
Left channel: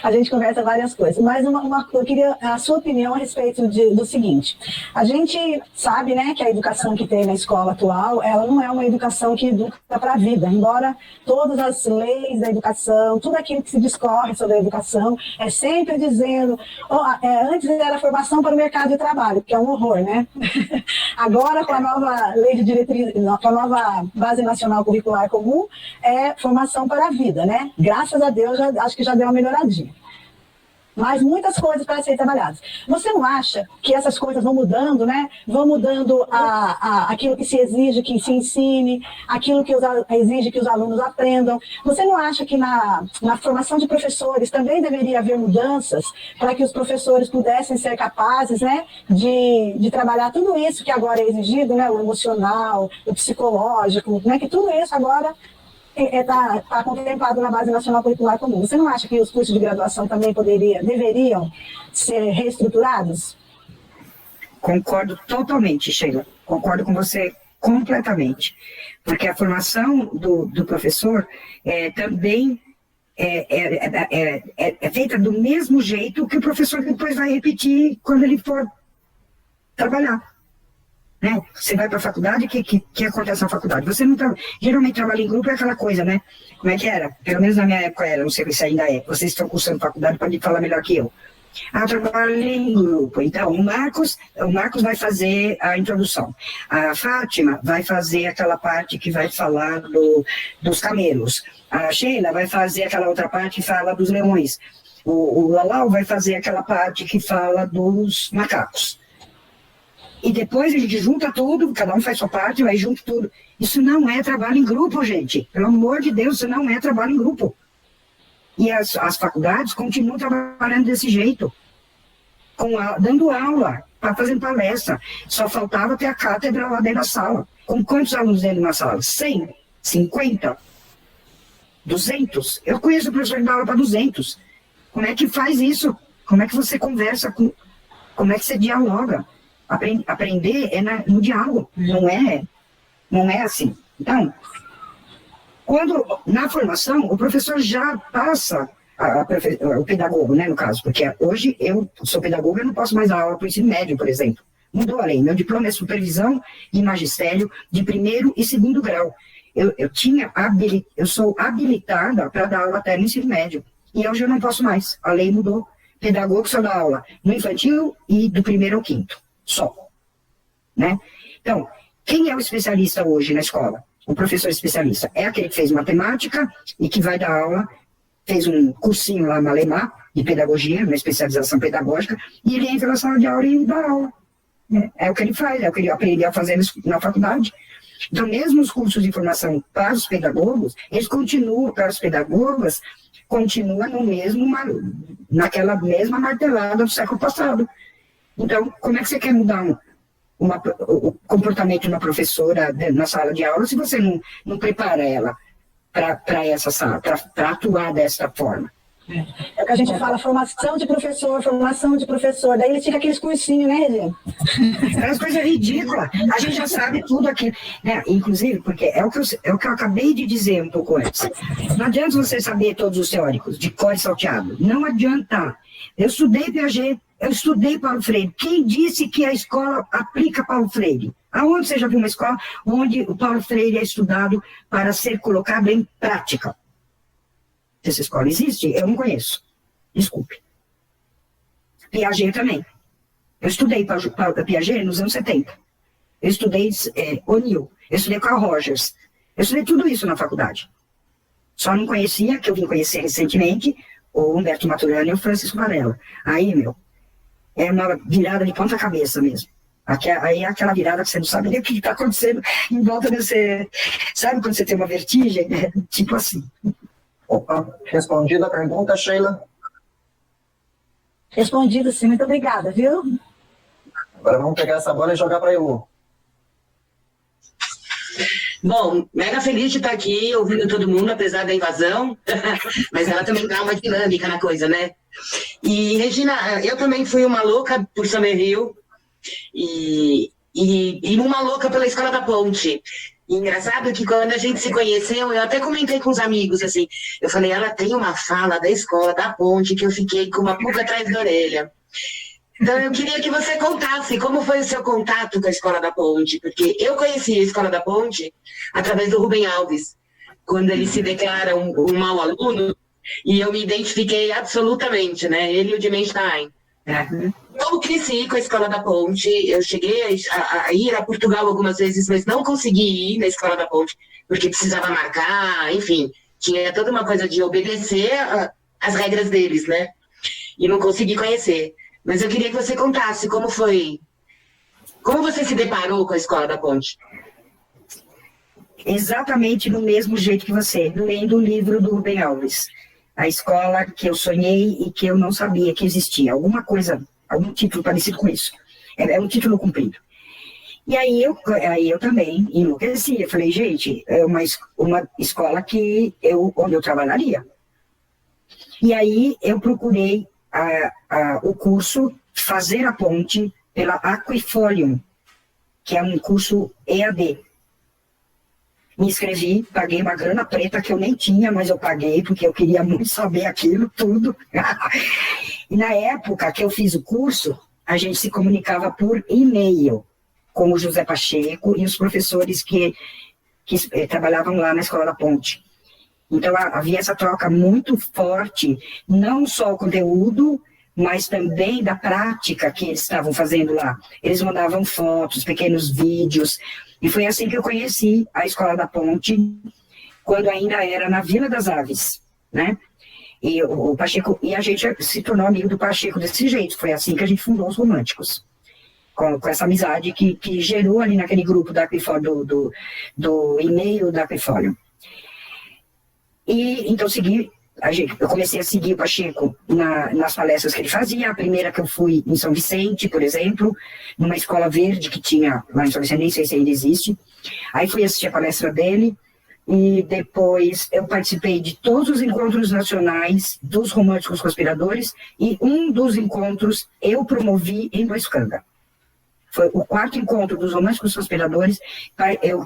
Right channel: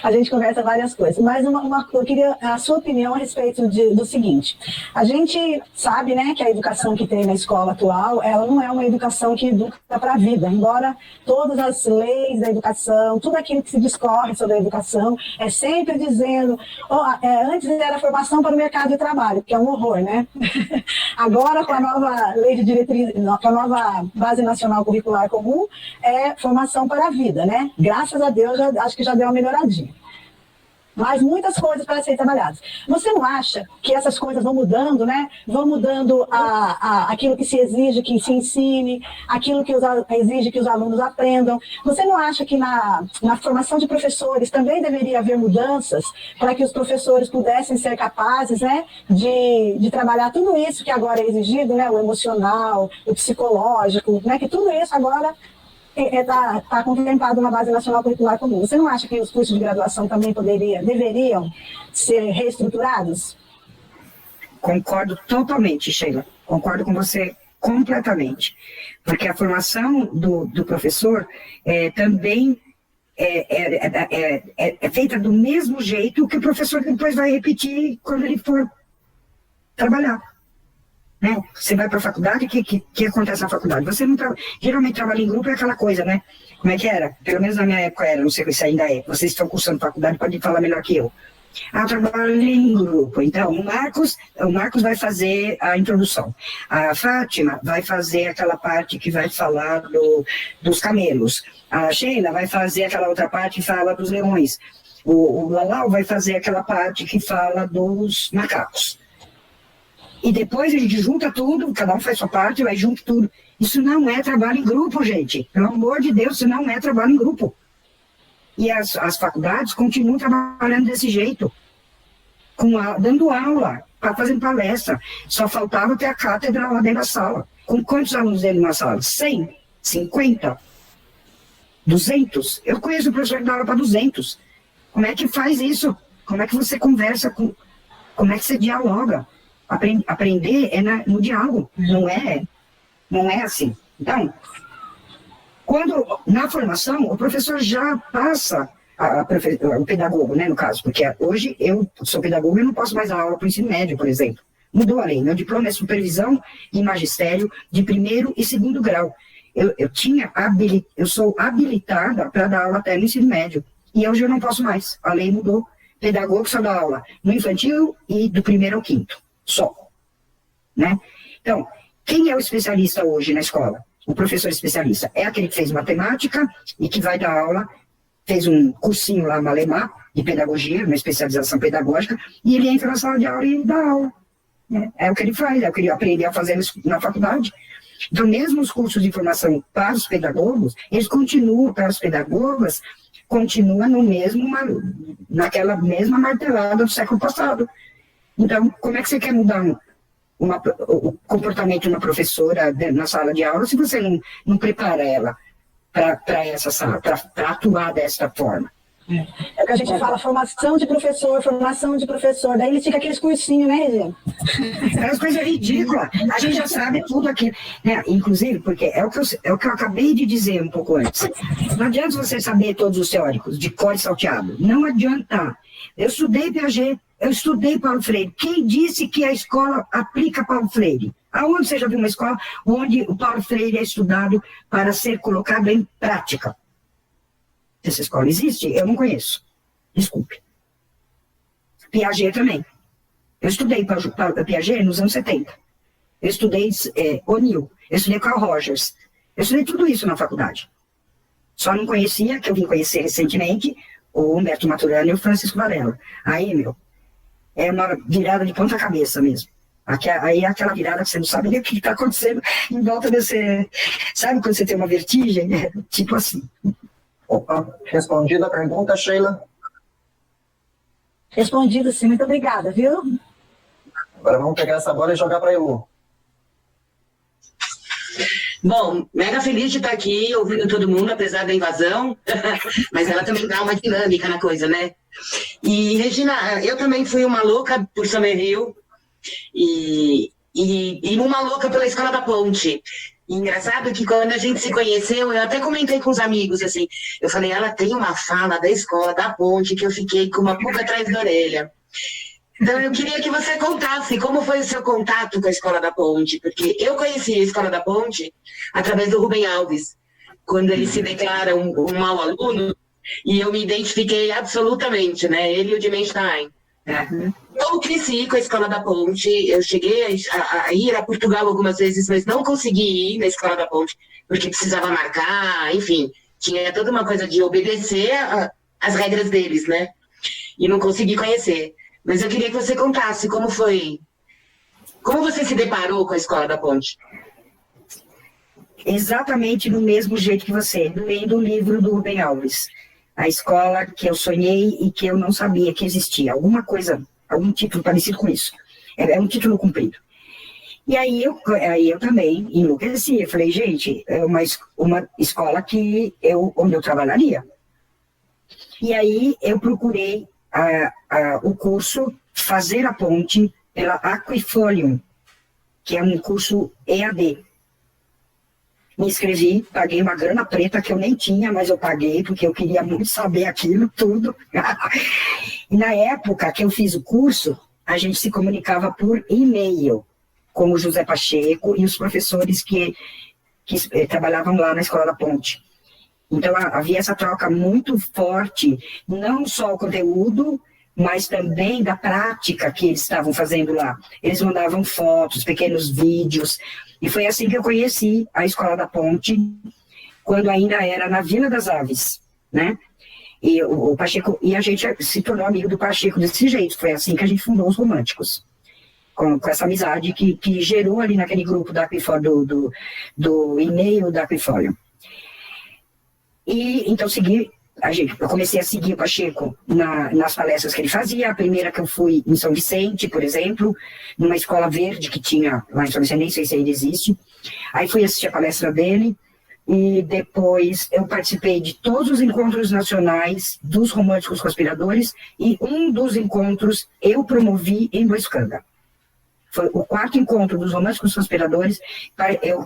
A gente conversa várias coisas. Mas eu queria a sua opinião a respeito do seguinte. A gente sabe, né, que a educação que tem na escola atual, ela não é uma educação que educa para a vida. Embora todas as leis da educação, tudo aquilo que se discorre sobre a educação, é sempre dizendo, antes era formação para o mercado de trabalho, que é um horror, né? Agora, com a nova lei de diretriz, com a nova base nacional curricular comum, é formação para a vida, né? Graças a Deus, acho que já deu uma melhoradinha. Mas muitas coisas para serem trabalhadas. Você não acha que essas coisas vão mudando, né? Vão mudando aquilo que se exige que se ensine, aquilo que exige que os alunos aprendam. Você não acha que na formação de professores também deveria haver mudanças para que os professores pudessem ser capazes, né, de trabalhar tudo isso que agora é exigido, né? O emocional, o psicológico, né? Que tudo isso agora está contemplado na Base Nacional Curricular Comum. Você não acha que os cursos de graduação também deveriam ser reestruturados? Concordo totalmente, Sheila. Concordo com você completamente. Porque a formação do professor também é feita do mesmo jeito que o professor depois vai repetir quando ele for trabalhar. Né? Você vai para a faculdade, o que acontece na faculdade? Você não geralmente trabalha em grupo, é aquela coisa, né? Como é que era? Pelo menos na minha época era, não sei se ainda é. Vocês estão cursando faculdade, podem falar melhor que eu. Eu trabalho em grupo. Então, o Marcos vai fazer a introdução. A Fátima vai fazer aquela parte que vai falar dos camelos. A Sheila vai fazer aquela outra parte que fala dos leões. O Lalau vai fazer aquela parte que fala dos macacos. E depois a gente junta tudo, cada um faz sua parte, vai junto tudo. Isso não é trabalho em grupo, gente. Pelo amor de Deus, isso não é trabalho em grupo. E as faculdades continuam trabalhando desse jeito, dando aula, fazendo palestra. Só faltava ter a cátedra lá dentro da sala. Com quantos alunos dentro na sala? 100? 50? 200? Eu conheço o professor que dá aula para 200. Como é que faz isso? Como é que você conversa como é que você dialoga? Aprender é no diálogo, não é assim. Então, na formação, o professor já passa o pedagogo, né, no caso, porque hoje eu sou pedagogo e não posso mais dar aula para o ensino médio, por exemplo. Mudou a lei. Meu diploma é supervisão e magistério de 1º e 2º grau. Eu sou habilitada para dar aula até no ensino médio. E hoje eu não posso mais. A lei mudou. Pedagogo só dá aula no infantil e do 1º ao 5º. Só. Né? Então, quem é o especialista hoje na escola? O professor especialista é aquele que fez matemática e que vai dar aula, fez um cursinho lá, Malemar, de pedagogia, uma especialização pedagógica, e ele entra na sala de aula e dá aula. É o que ele faz, é o que ele aprendeu a fazer na faculdade. Então, mesmo os cursos de formação para os pedagogos, eles continuam, para os pedagogos, continua naquela mesma martelada do século passado. Então, como é que você quer mudar o comportamento de uma professora na sala de aula se você não prepara ela para essa sala, para atuar dessa forma? É o que a gente fala, formação de professor, daí eles ficam aqueles cursinhos, né, gente? É uma coisa ridícula. A gente já sabe tudo aqui, né? Inclusive, porque é o que eu acabei de dizer um pouco antes. Não adianta você saber todos os teóricos de cor e salteado. Não adianta. Eu estudei Piaget, eu estudei Paulo Freire. Quem disse que a escola aplica Paulo Freire? Aonde você já viu uma escola onde o Paulo Freire é estudado para ser colocado em prática? Essa escola existe? Eu não conheço. Desculpe. Piaget também. Eu estudei Piaget nos anos 70. Eu estudei O'Neill. Eu estudei Carl Rogers. Eu estudei tudo isso na faculdade. Só não conhecia, que eu vim conhecer recentemente, o Humberto Maturana e o Francisco Varela. Aí, é uma virada de ponta cabeça mesmo. Aí é aquela virada que você não sabe nem o que está acontecendo em volta desse... Sabe quando você tem uma vertigem? Tipo assim. Opa, respondida a pergunta, Sheila? Respondido sim, muito obrigada, viu? Agora vamos pegar essa bola e jogar para a Elu. Bom, mega feliz de estar aqui ouvindo todo mundo, apesar da invasão, mas ela também dá uma dinâmica na coisa, né? E, Regina, eu também fui uma louca por Summerhill e uma louca pela Escola da Ponte. E engraçado que quando a gente se conheceu, eu até comentei com os amigos, assim, eu falei, ela tem uma fala da Escola da Ponte que eu fiquei com uma pulga atrás da orelha. Então, eu queria que você contasse como foi o seu contato com a Escola da Ponte, porque eu conheci a Escola da Ponte através do Rubem Alves, quando ele se declara um mau aluno, e eu me identifiquei absolutamente, né? Ele e o Dimenstein. Eu cresci com a Escola da Ponte, eu cheguei a ir a Portugal algumas vezes, mas não consegui ir na Escola da Ponte, porque precisava marcar, enfim, tinha toda uma coisa de obedecer às regras deles, né? E não consegui conhecer. Mas eu queria que você contasse como foi, como você se deparou com a Escola da Ponte? Exatamente no mesmo jeito que você, lendo o livro do Rubem Alves. A escola que eu sonhei e que eu não sabia que existia. Alguma coisa, algum título parecido com isso. É um título comprido. E aí eu também enlouqueci. Eu falei, gente, é uma escola onde eu trabalharia. E aí eu procurei o curso Fazer a Ponte pela Aquifolium, que é um curso EAD. Me inscrevi, paguei uma grana preta que eu nem tinha, mas eu paguei porque eu queria muito saber aquilo tudo. E na época que eu fiz o curso, a gente se comunicava por e-mail com o José Pacheco e os professores que trabalhavam lá na Escola da Ponte. Então havia essa troca muito forte, não só o conteúdo, mas também da prática que eles estavam fazendo lá. Eles mandavam fotos, pequenos vídeos, e foi assim que eu conheci a Escola da Ponte, quando ainda era na Vila das Aves, né? E o Pacheco, e a gente se tornou amigo do Pacheco desse jeito, foi assim que a gente fundou os Românticos, com essa amizade que gerou ali naquele grupo da Aquifolium, do e-mail da Aquifolium. E então eu comecei a seguir o Pacheco nas palestras que ele fazia. A primeira que eu fui em São Vicente, por exemplo, numa escola verde que tinha lá em São Vicente, nem sei se ainda existe. Aí fui assistir a palestra dele e depois eu participei de todos os encontros nacionais dos Românticos Conspiradores e um dos encontros eu promovi em Boiscanga. Foi o 4º encontro dos Românticos Conspiradores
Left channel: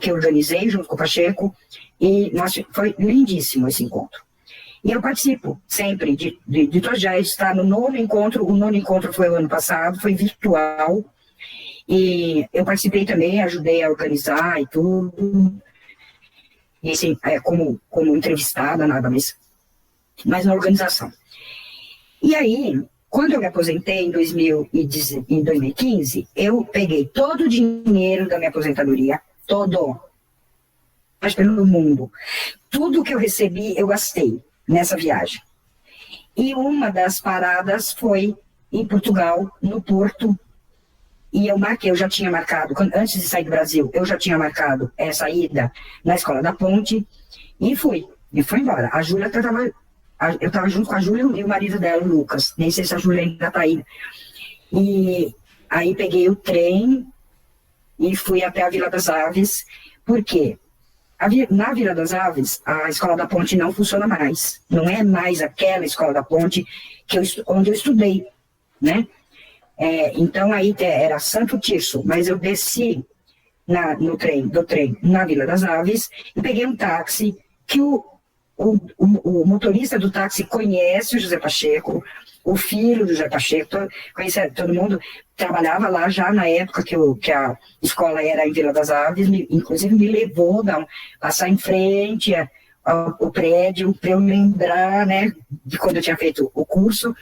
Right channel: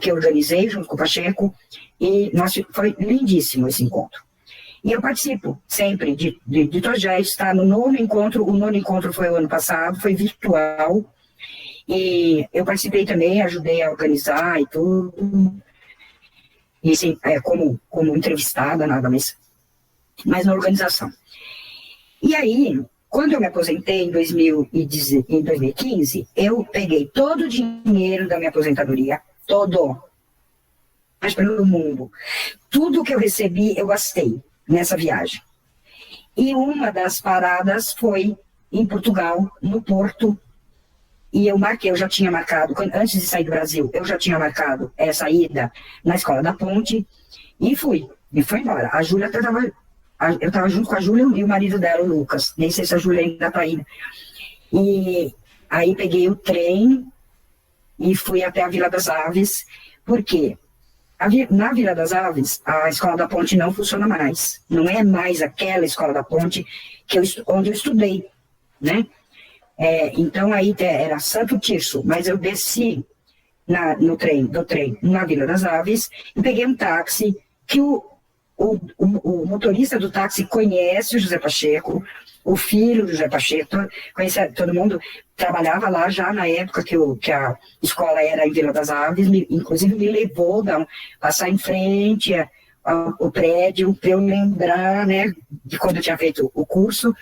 que eu organizei junto com o Pacheco e foi lindíssimo esse encontro. E eu participo sempre de todos, já está no 9º encontro. O 9º encontro foi o ano passado, foi virtual. E eu participei também, ajudei a organizar e tudo. E sim, como entrevistada, nada mais, mas na organização. E aí, quando eu me aposentei em 2015, eu peguei todo o dinheiro da minha aposentadoria, todo, mas pelo mundo. Tudo que eu recebi, eu gastei nessa viagem. E uma das paradas foi em Portugal, no Porto, e eu já tinha marcado, antes de sair do Brasil, eu já tinha marcado essa ida na Escola da Ponte, e fui embora. A Júlia eu estava junto com a Júlia e o marido dela, o Lucas, nem sei se a Júlia ainda está aí. E aí peguei o trem e fui até a Vila das Aves, porque na Vila das Aves, a Escola da Ponte não funciona mais. Não é mais aquela Escola da Ponte onde eu estudei, né? Então aí era Santo Tirso, mas eu desci do trem na Vila das Aves e peguei um táxi que o motorista do táxi conhece o José Pacheco, o filho do José Pacheco, conhece todo mundo, trabalhava lá já na época que a escola era em Vila das Aves, inclusive me levou passar em frente ao prédio para eu lembrar, né, de quando eu tinha feito o curso.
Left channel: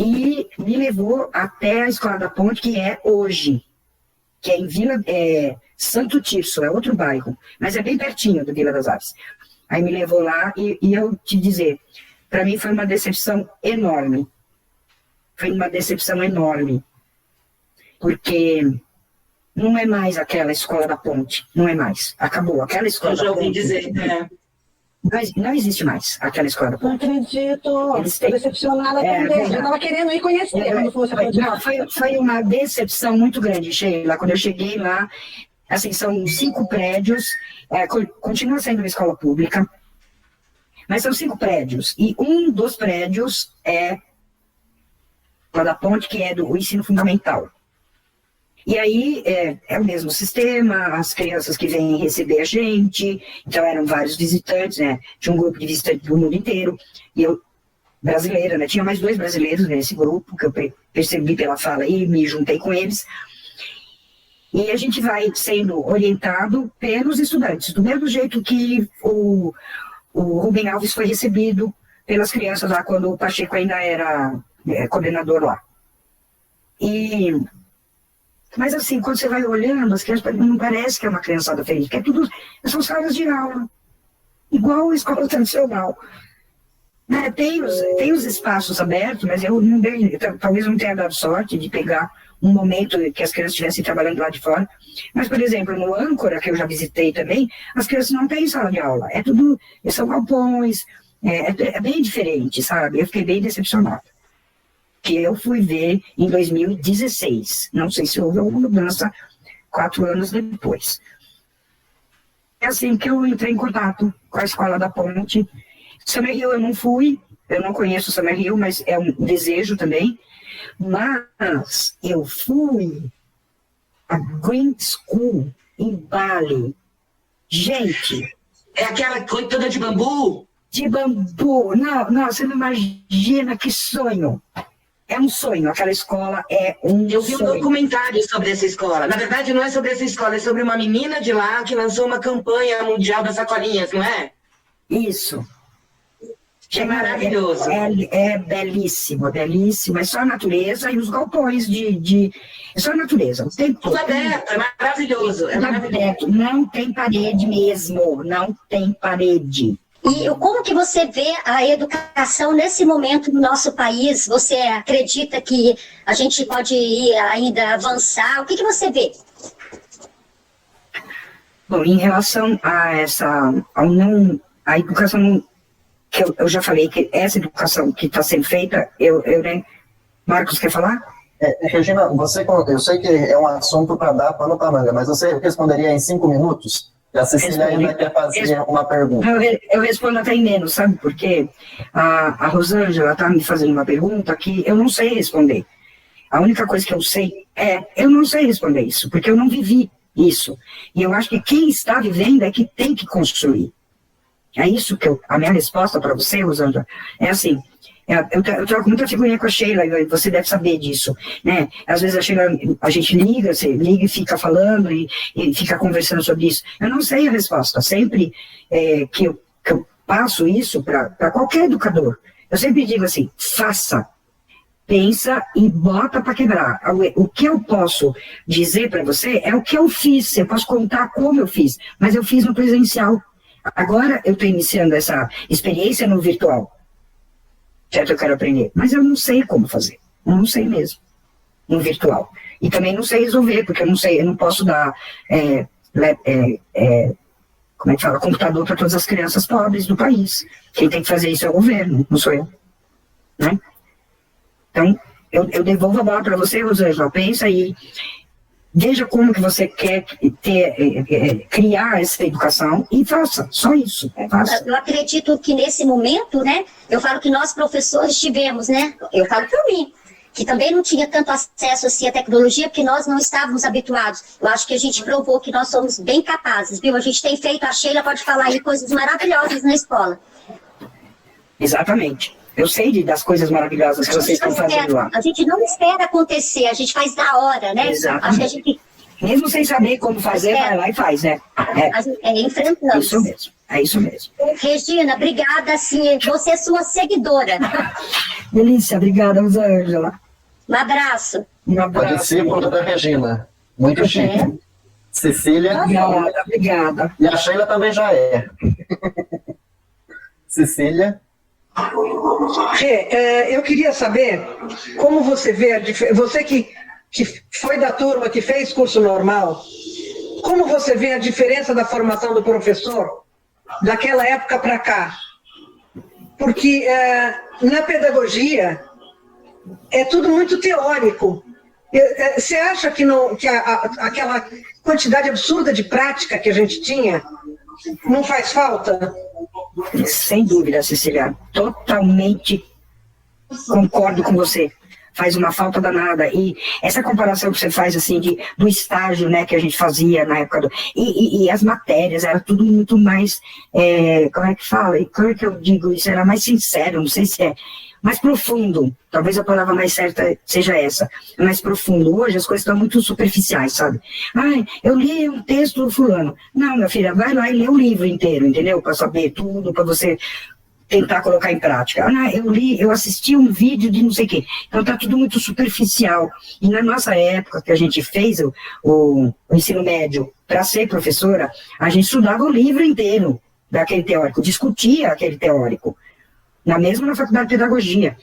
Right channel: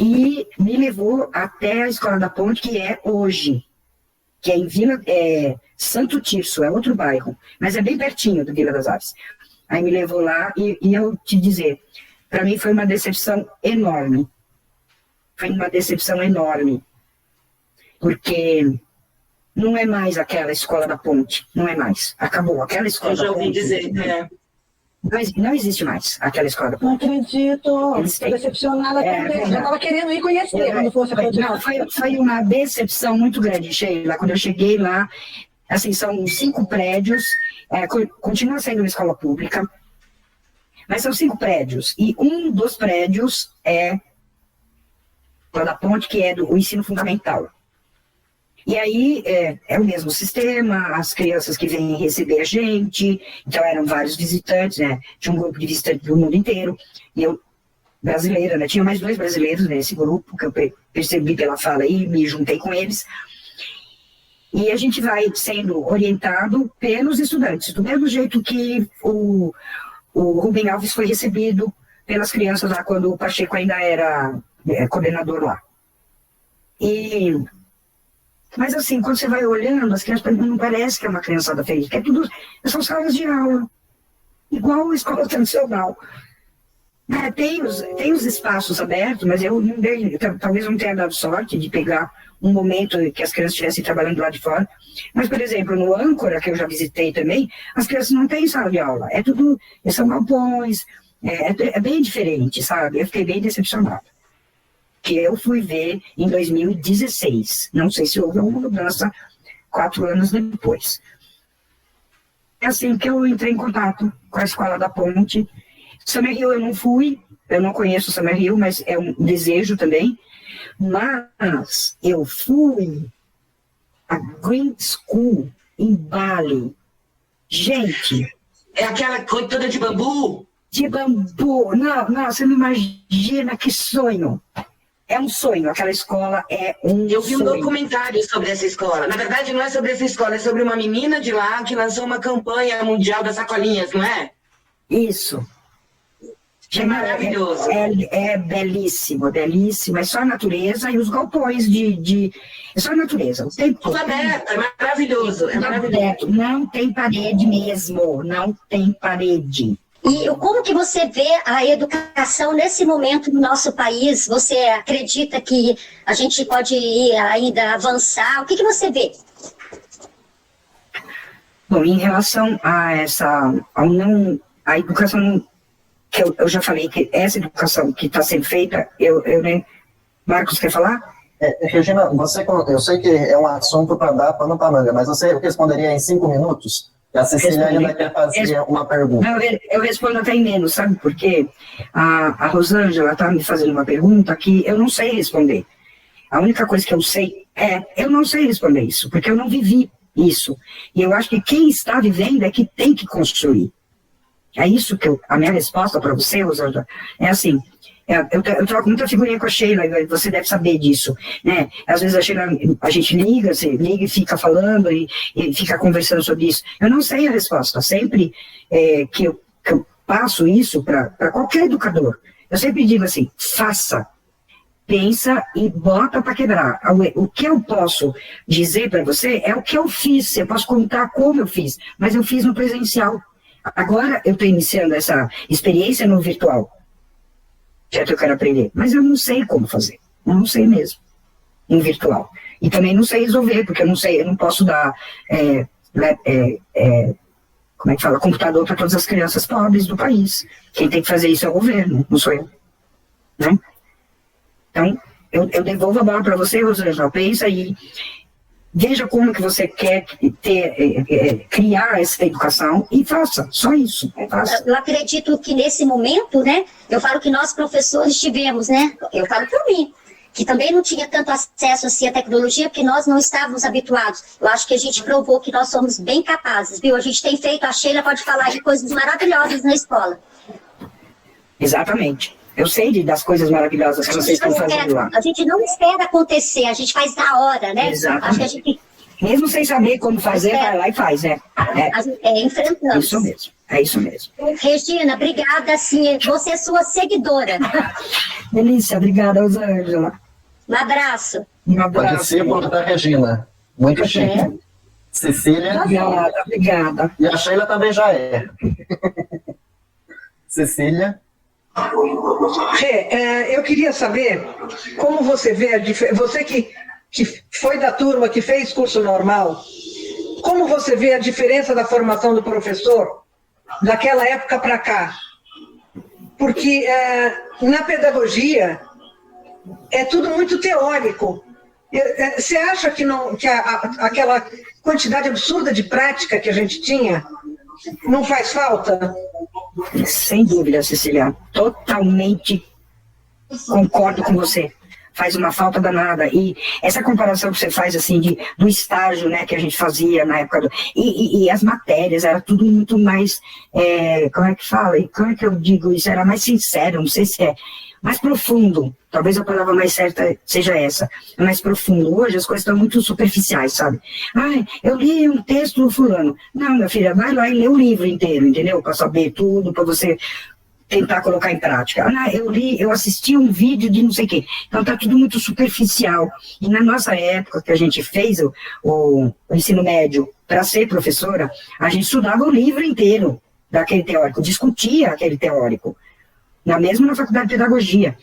E me levou até a Escola da Ponte, que é hoje, que é em Santo Tirso, é outro bairro, mas é bem pertinho do Vila das Aves. Aí me levou lá e eu te dizer, para mim foi uma decepção enorme. Foi uma decepção enorme. Porque não é mais aquela Escola da Ponte, não é mais. Acabou, aquela Escola da Ponte. Eu já ouvi dizer, né? Não existe mais aquela Escola da Ponte. Não acredito, estou decepcionada também. Eu estava querendo ir conhecer, quando fosse foi uma decepção muito grande, Sheila. Quando eu cheguei lá, assim, são 5 prédios, continua sendo uma escola pública, mas são 5 prédios, e um dos prédios é a Escola da Ponte, que é do ensino fundamental. E aí é o mesmo sistema, as crianças que vêm receber a gente, então eram vários visitantes, né? Tinha um grupo de visitantes do mundo inteiro, e eu, brasileira, né? Tinha mais 2 brasileiros nesse grupo, que eu percebi pela fala aí, me juntei com eles. E a gente vai sendo orientado pelos estudantes, do mesmo jeito que o Rubem Alves foi recebido pelas crianças lá, quando o Pacheco ainda era coordenador lá. Mas assim, quando você vai olhando, as crianças não parece que é uma criançada feliz, que são salas de aula, igual a escola tradicional. Tem os espaços abertos, mas talvez eu não tenha dado sorte de pegar um momento que as crianças estivessem trabalhando lá de fora. Mas, por exemplo, no Âncora, que eu já visitei também, as crianças não têm sala de aula. São galpões, é bem diferente, sabe? Eu fiquei bem decepcionada. Que eu fui ver em 2016. Não sei se houve alguma mudança 4 anos depois. É assim que eu entrei em contato com a Escola da Ponte. Summerhill eu não fui, eu não conheço Summerhill, mas é um desejo também. Mas eu fui a Green School em Bali. Gente... É aquela toda de bambu? De bambu. Não, você não imagina que sonho. É um sonho, aquela escola é um sonho. Eu vi um documentário sobre essa escola. Na verdade, não é sobre essa escola, é sobre uma menina de lá que lançou uma campanha mundial das sacolinhas, não é? Isso. É maravilhoso. É belíssimo, belíssimo. É só a natureza e os galpões é só a natureza. O tempo tudo aberto, é maravilhoso. É maravilhoso. Não tem parede mesmo, não tem parede. E como que você vê a educação nesse momento no nosso país? Você acredita que a gente pode ir ainda avançar? O que você vê? Bom, em relação a a educação, que eu já falei que essa educação que está sendo feita, né? Marcos, quer falar? Regina, eu sei que é um assunto para dar pano para manga, mas você responderia em 5 minutos? A Cecília ainda quer fazer uma pergunta. Eu respondo até em menos, sabe por quê? A Rosângela está me fazendo uma pergunta que eu não sei responder. A única coisa que eu sei eu não sei responder isso, porque eu não vivi isso. E eu acho que quem está vivendo é que tem que construir. É isso que a minha resposta para você, Rosângela, é assim, eu troco muita figurinha com a Sheila, você deve saber disso, né? Às vezes a gente liga, você liga e fica falando e fica conversando sobre isso. Eu não sei a resposta, sempre que eu passo isso para qualquer educador, eu sempre digo assim, faça, pensa e bota para quebrar. O que eu posso dizer para você é o que eu fiz, eu posso contar como eu fiz, mas eu fiz no presencial. Agora eu estou iniciando essa experiência no virtual. Certo, eu quero aprender, mas eu não sei como fazer, eu não sei mesmo, no virtual. E também não sei resolver, porque eu não sei, eu não posso dar, como é que fala, computador para todas as crianças pobres do país. Quem tem que fazer isso é o governo, não sou eu, né? Então, eu devolvo a bola para você, Rosângela, pensa aí, veja como que você quer criar essa educação e faça, só isso. Faça. Eu acredito que nesse momento, né, eu falo que nós professores tivemos, né, eu falo por mim, que também não tinha tanto acesso assim à tecnologia, porque nós não estávamos habituados. Eu acho que a gente provou que nós somos bem capazes, viu? A gente tem feito, a Sheila pode falar aí coisas maravilhosas na escola. Exatamente. Eu sei das coisas maravilhosas que vocês estão fazendo lá. A gente não espera acontecer, a gente faz na hora, né? Exatamente. Acho que a gente... Mesmo sem saber como fazer, vai lá e faz, né? Enfrentamos. Isso mesmo, é isso mesmo. Regina, obrigada, sim. Você é sua seguidora. Delícia, obrigada, Rosângela. Um abraço. Um abraço. O discípulo da Regina. Muito chique. Cecília. Obrigada. E a Sheila também já é. Cecília. Rê, eu queria saber como você vê a diferença. Você que foi da turma que fez curso normal, como você vê a diferença da formação do professor daquela época para cá? Porque na pedagogia é tudo muito teórico. Você acha que aquela quantidade absurda de prática que a gente tinha não faz falta? Sem dúvida, Cecília. Totalmente concordo com você. Faz uma falta danada. E essa comparação que você faz, assim, do estágio, né, que a gente fazia na época e as matérias, era tudo muito mais, como é que fala? Como é que eu digo isso? Era mais sincero, não sei se é mais profundo. Talvez a palavra mais certa seja essa, mais profundo. Hoje as coisas estão muito superficiais, sabe? Eu li um texto do fulano. Não, minha filha, vai lá e lê o livro inteiro, entendeu? Para saber tudo, para você tentar colocar em prática. Eu assisti um vídeo de não sei o quê. Então tá tudo muito superficial. E na nossa época, que a gente fez o ensino médio para ser professora, a gente estudava o livro inteiro daquele teórico, discutia aquele teórico. Mesmo na faculdade de pedagogia.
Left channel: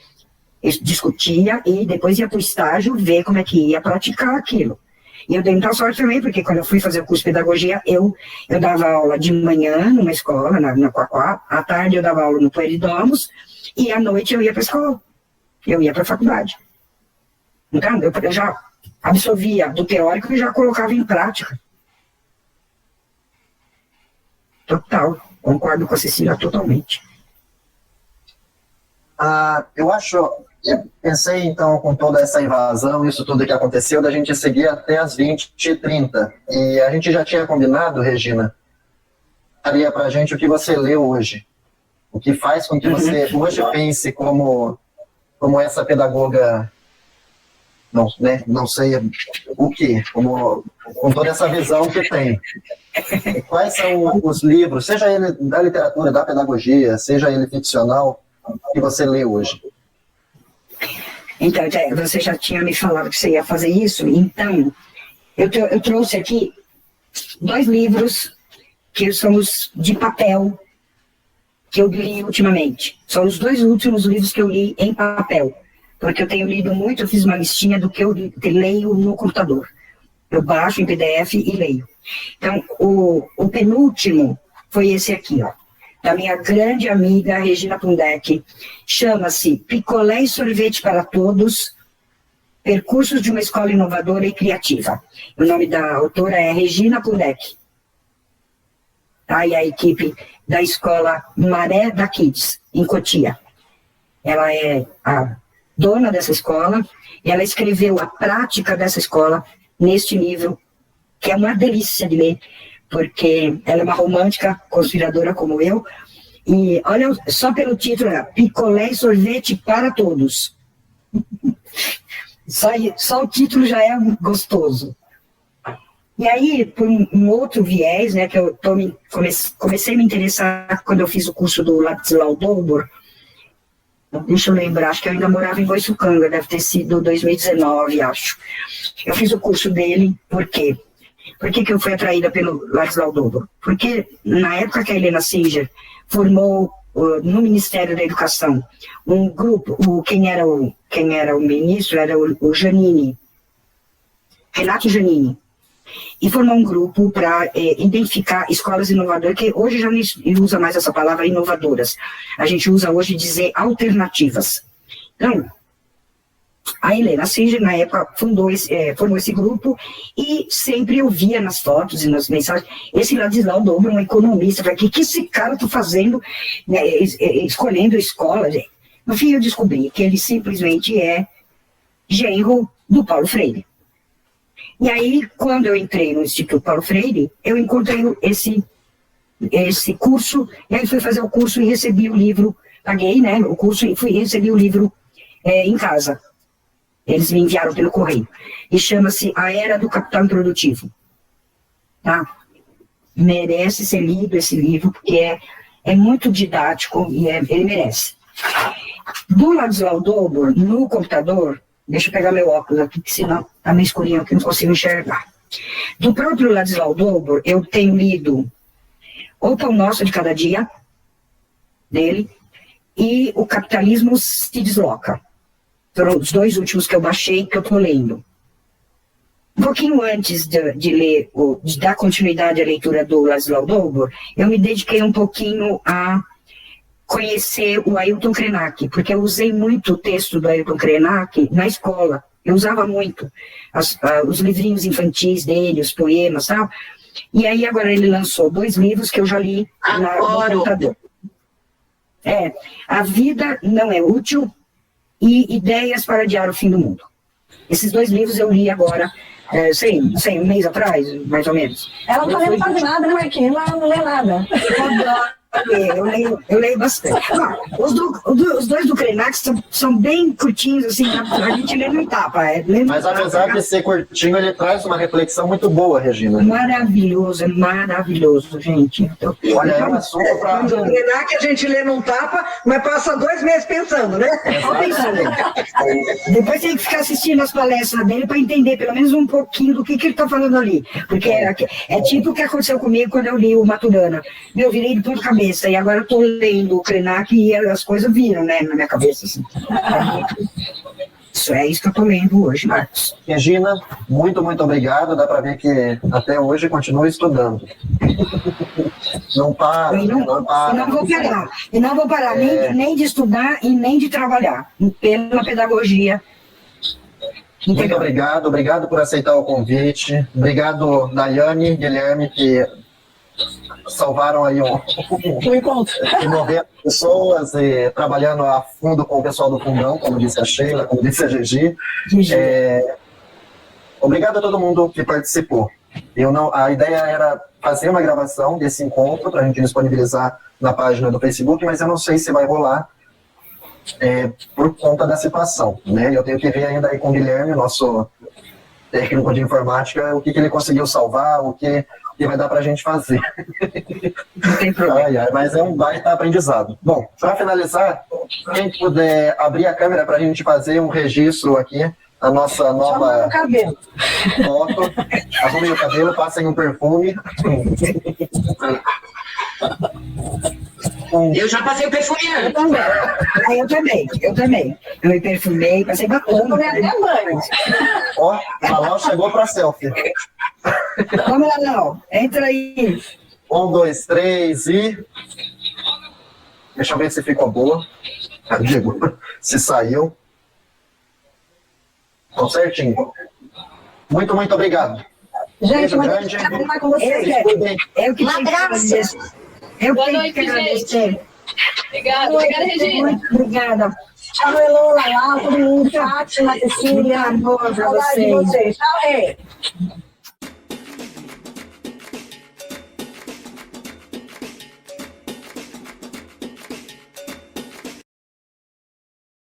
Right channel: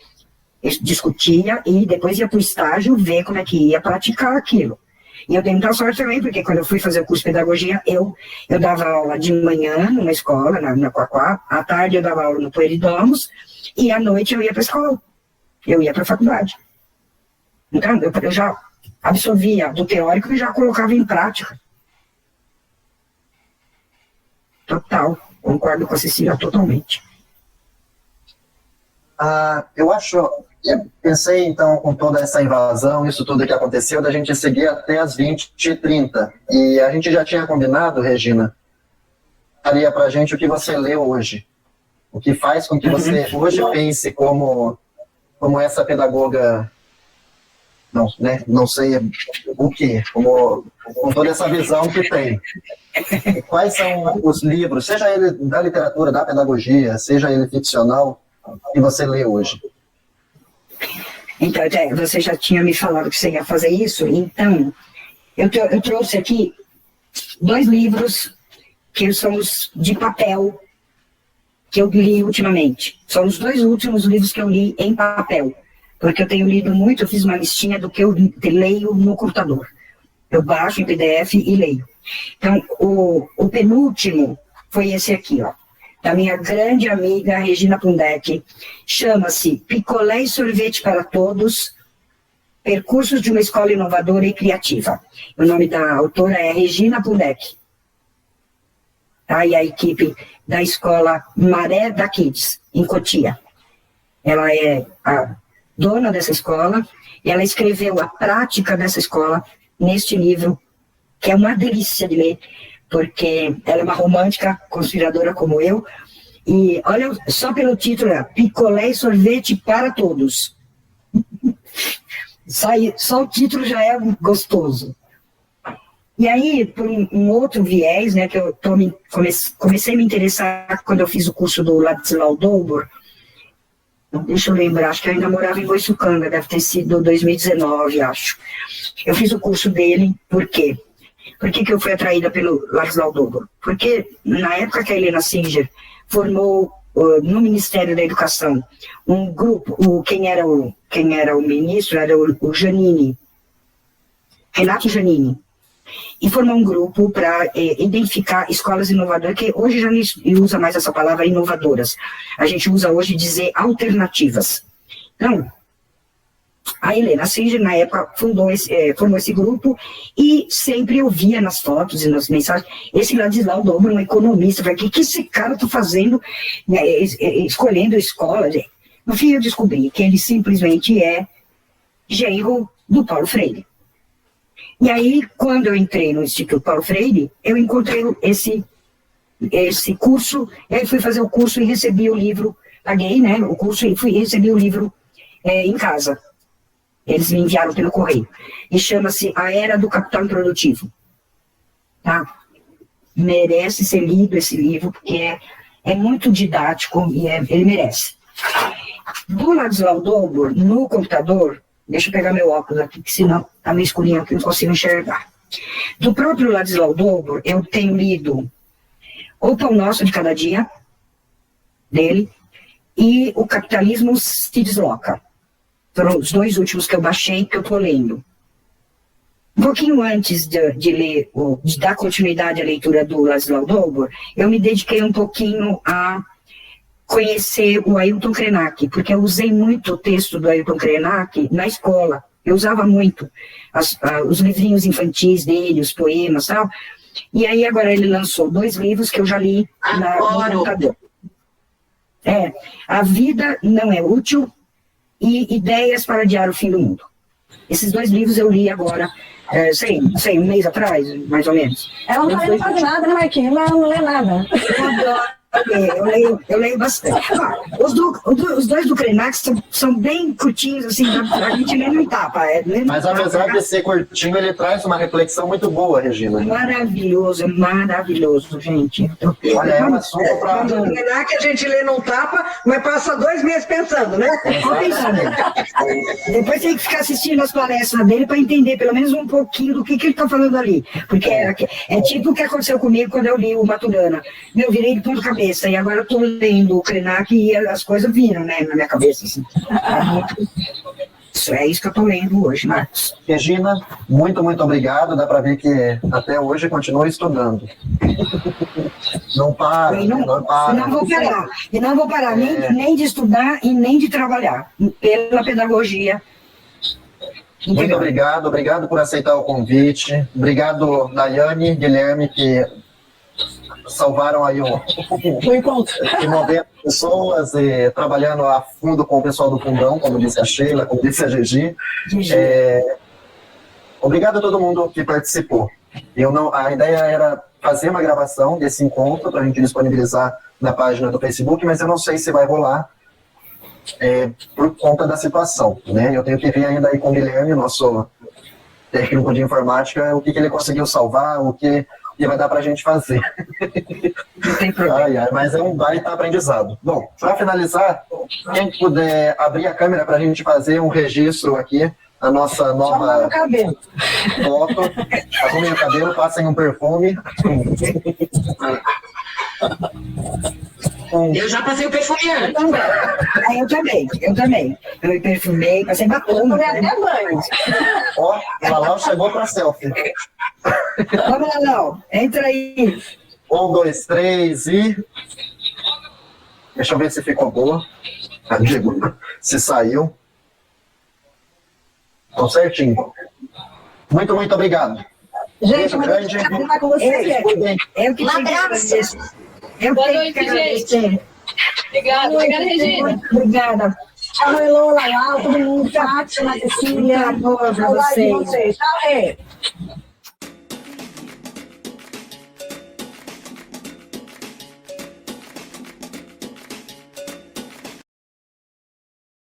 Discutia e depois ia para o estágio ver como é que ia praticar aquilo. E eu dei muita sorte também, porque quando eu fui fazer o curso de pedagogia, eu dava aula de manhã numa escola, na Quaquá, à tarde eu dava aula no Pueridomus, e à noite eu ia para a escola, eu ia para a faculdade. Então, eu já absorvia do teórico e já colocava em prática. Total, concordo com a Cecília totalmente. Eu pensei, então, com toda essa invasão, isso tudo que aconteceu, da gente seguir até as 20h30. E a gente já tinha combinado, Regina, faria pra gente o que você leu hoje. O que faz com que você hoje pense como essa pedagoga, não sei o que, com toda essa visão que tem. Quais são os livros, seja ele da literatura, da pedagogia, seja ele ficcional, que você lê hoje? Então, você já tinha me falado que você ia fazer isso, então eu trouxe aqui 2 livros que são os de papel que eu li ultimamente. São os 2 últimos livros que eu li em papel, porque eu tenho lido muito, eu fiz uma listinha do que eu leio no computador. Eu baixo em PDF e leio. Então, o penúltimo foi esse aqui, ó, da minha grande amiga Regina Pundek, chama-se Picolé e Sorvete para Todos, Percursos de uma Escola Inovadora e Criativa. O nome da autora é Regina Pundek. Tá? E a equipe da escola Maré da Kids, em Cotia. Ela é a dona dessa escola, e ela escreveu a prática dessa escola neste livro, que é uma delícia de ler, porque ela é uma romântica conspiradora como eu, E olha, só pelo título, Picolé e Sorvete para Todos. Só o título já é gostoso. E aí, por um outro viés, né, que eu comecei a me interessar quando eu fiz o curso do Ladislau Dobor, deixa eu lembrar, acho que eu ainda morava em Boiçucanga, deve ter sido 2019, acho. Eu fiz o curso dele, por quê? Por que eu fui atraída pelo Ladislau Dobor? Porque na época que a Helena Singer formou no Ministério da Educação um grupo, quem era o ministro era o Giannini, Renato Giannini, e formou um grupo para identificar escolas inovadoras, que hoje já não usa mais essa palavra inovadoras, a gente usa hoje dizer alternativas. Então, a Helena Singer, na época, formou esse grupo e sempre eu via nas fotos e nas mensagens, esse Ladislau Dobor, um economista, falei, o que esse cara está fazendo, né, escolhendo escola? No fim, eu descobri que ele simplesmente é genro do Paulo Freire. E aí, quando eu entrei no Instituto Paulo Freire, eu encontrei esse curso, e aí fui fazer o curso e recebi o livro, paguei, né, o curso e recebi o livro em casa. Eles me enviaram pelo correio. E chama-se A Era do Capital Improdutivo. Tá? Merece ser lido esse livro, porque é muito didático e ele merece. Do Ladislau Dobor, no computador, deixa eu pegar meu óculos aqui, porque senão tá meio escurinho aqui, não consigo enxergar. Do próprio Ladislau Dobor, eu tenho lido O Pão Nosso de Cada Dia, dele, e O Capitalismo se Desloca. Foram os dois últimos que eu baixei, que eu estou lendo. Um pouquinho antes de dar continuidade à leitura do Ladislau Dobor, eu me dediquei um pouquinho a conhecer o Ailton Krenak, porque eu usei muito o texto do Ailton Krenak na escola. Eu usava muito os livrinhos infantis dele, os poemas e tal. E aí agora ele lançou 2 livros que eu já li no computador. A Vida Não É Útil e Ideias para Adiar o Fim do Mundo. Esses 2 livros eu li agora, não sei, um mês atrás, mais ou menos. Ela não lê quase nada, né, Marquinhos? Ela não lê nada. Eu leio bastante. Os 2 do Krenak são bem curtinhos, assim, a gente lê no tapa. Mas apesar de ser curtinho, ele traz uma reflexão muito boa, Regina. Maravilhoso, gente. Olha, é um assunto para... O Krenak a gente lê num tapa, mas passa 2 meses pensando, né? Depois tem que ficar assistindo as palestras dele para entender pelo menos um pouquinho do que ele está falando ali. Porque é tipo o que aconteceu comigo quando eu li o Maturana. Eu virei de ponta cabeça. E agora eu estou lendo o Krenak e as coisas viram, né, na minha cabeça. Assim. Isso é isso que eu estou lendo hoje, Marcos. Regina, muito obrigado. Dá para ver que até hoje continua estudando. Não para, não para. E não vou parar nem de estudar e nem de trabalhar pela pedagogia. Muito obrigado por aceitar o convite. Obrigado, Daiane, Guilherme, que salvaram aí um encontro de 90 pessoas trabalhando a fundo com o pessoal do Fundão, como disse a Sheila, como disse a Gigi. Obrigado a todo mundo que participou. A ideia era fazer uma gravação desse encontro para a gente disponibilizar na página do Facebook, mas eu não sei se vai rolar por conta da situação, né? Eu tenho que ver ainda aí com o Guilherme, nosso técnico de informática, o que ele conseguiu salvar, o que vai dar para a gente fazer. Não tem problema. Mas é um baita aprendizado. Bom, para finalizar, quem puder abrir a câmera para a gente fazer um registro aqui, a nossa nova foto. Arrumem o cabelo, passem um perfume. Eu já passei o perfume antes. Eu também. Eu me perfumei, passei batom. Até banho. Ó, o Lalau chegou para selfie. Vamos lá, Lalau. Entra aí. 1, 2, 3 e... Deixa eu ver se ficou boa. Se saiu. Ficou certinho. Muito obrigado. Gente, mas eu quero falar com vocês. Eu que tenho que agradecer. Eu tenho que agradecer. Obrigada, Regina. Muito obrigada. Tchau, Elô, Lalau, todo mundo. Fátima, Cecília. Muito amor pra vocês. Tchau, Rê.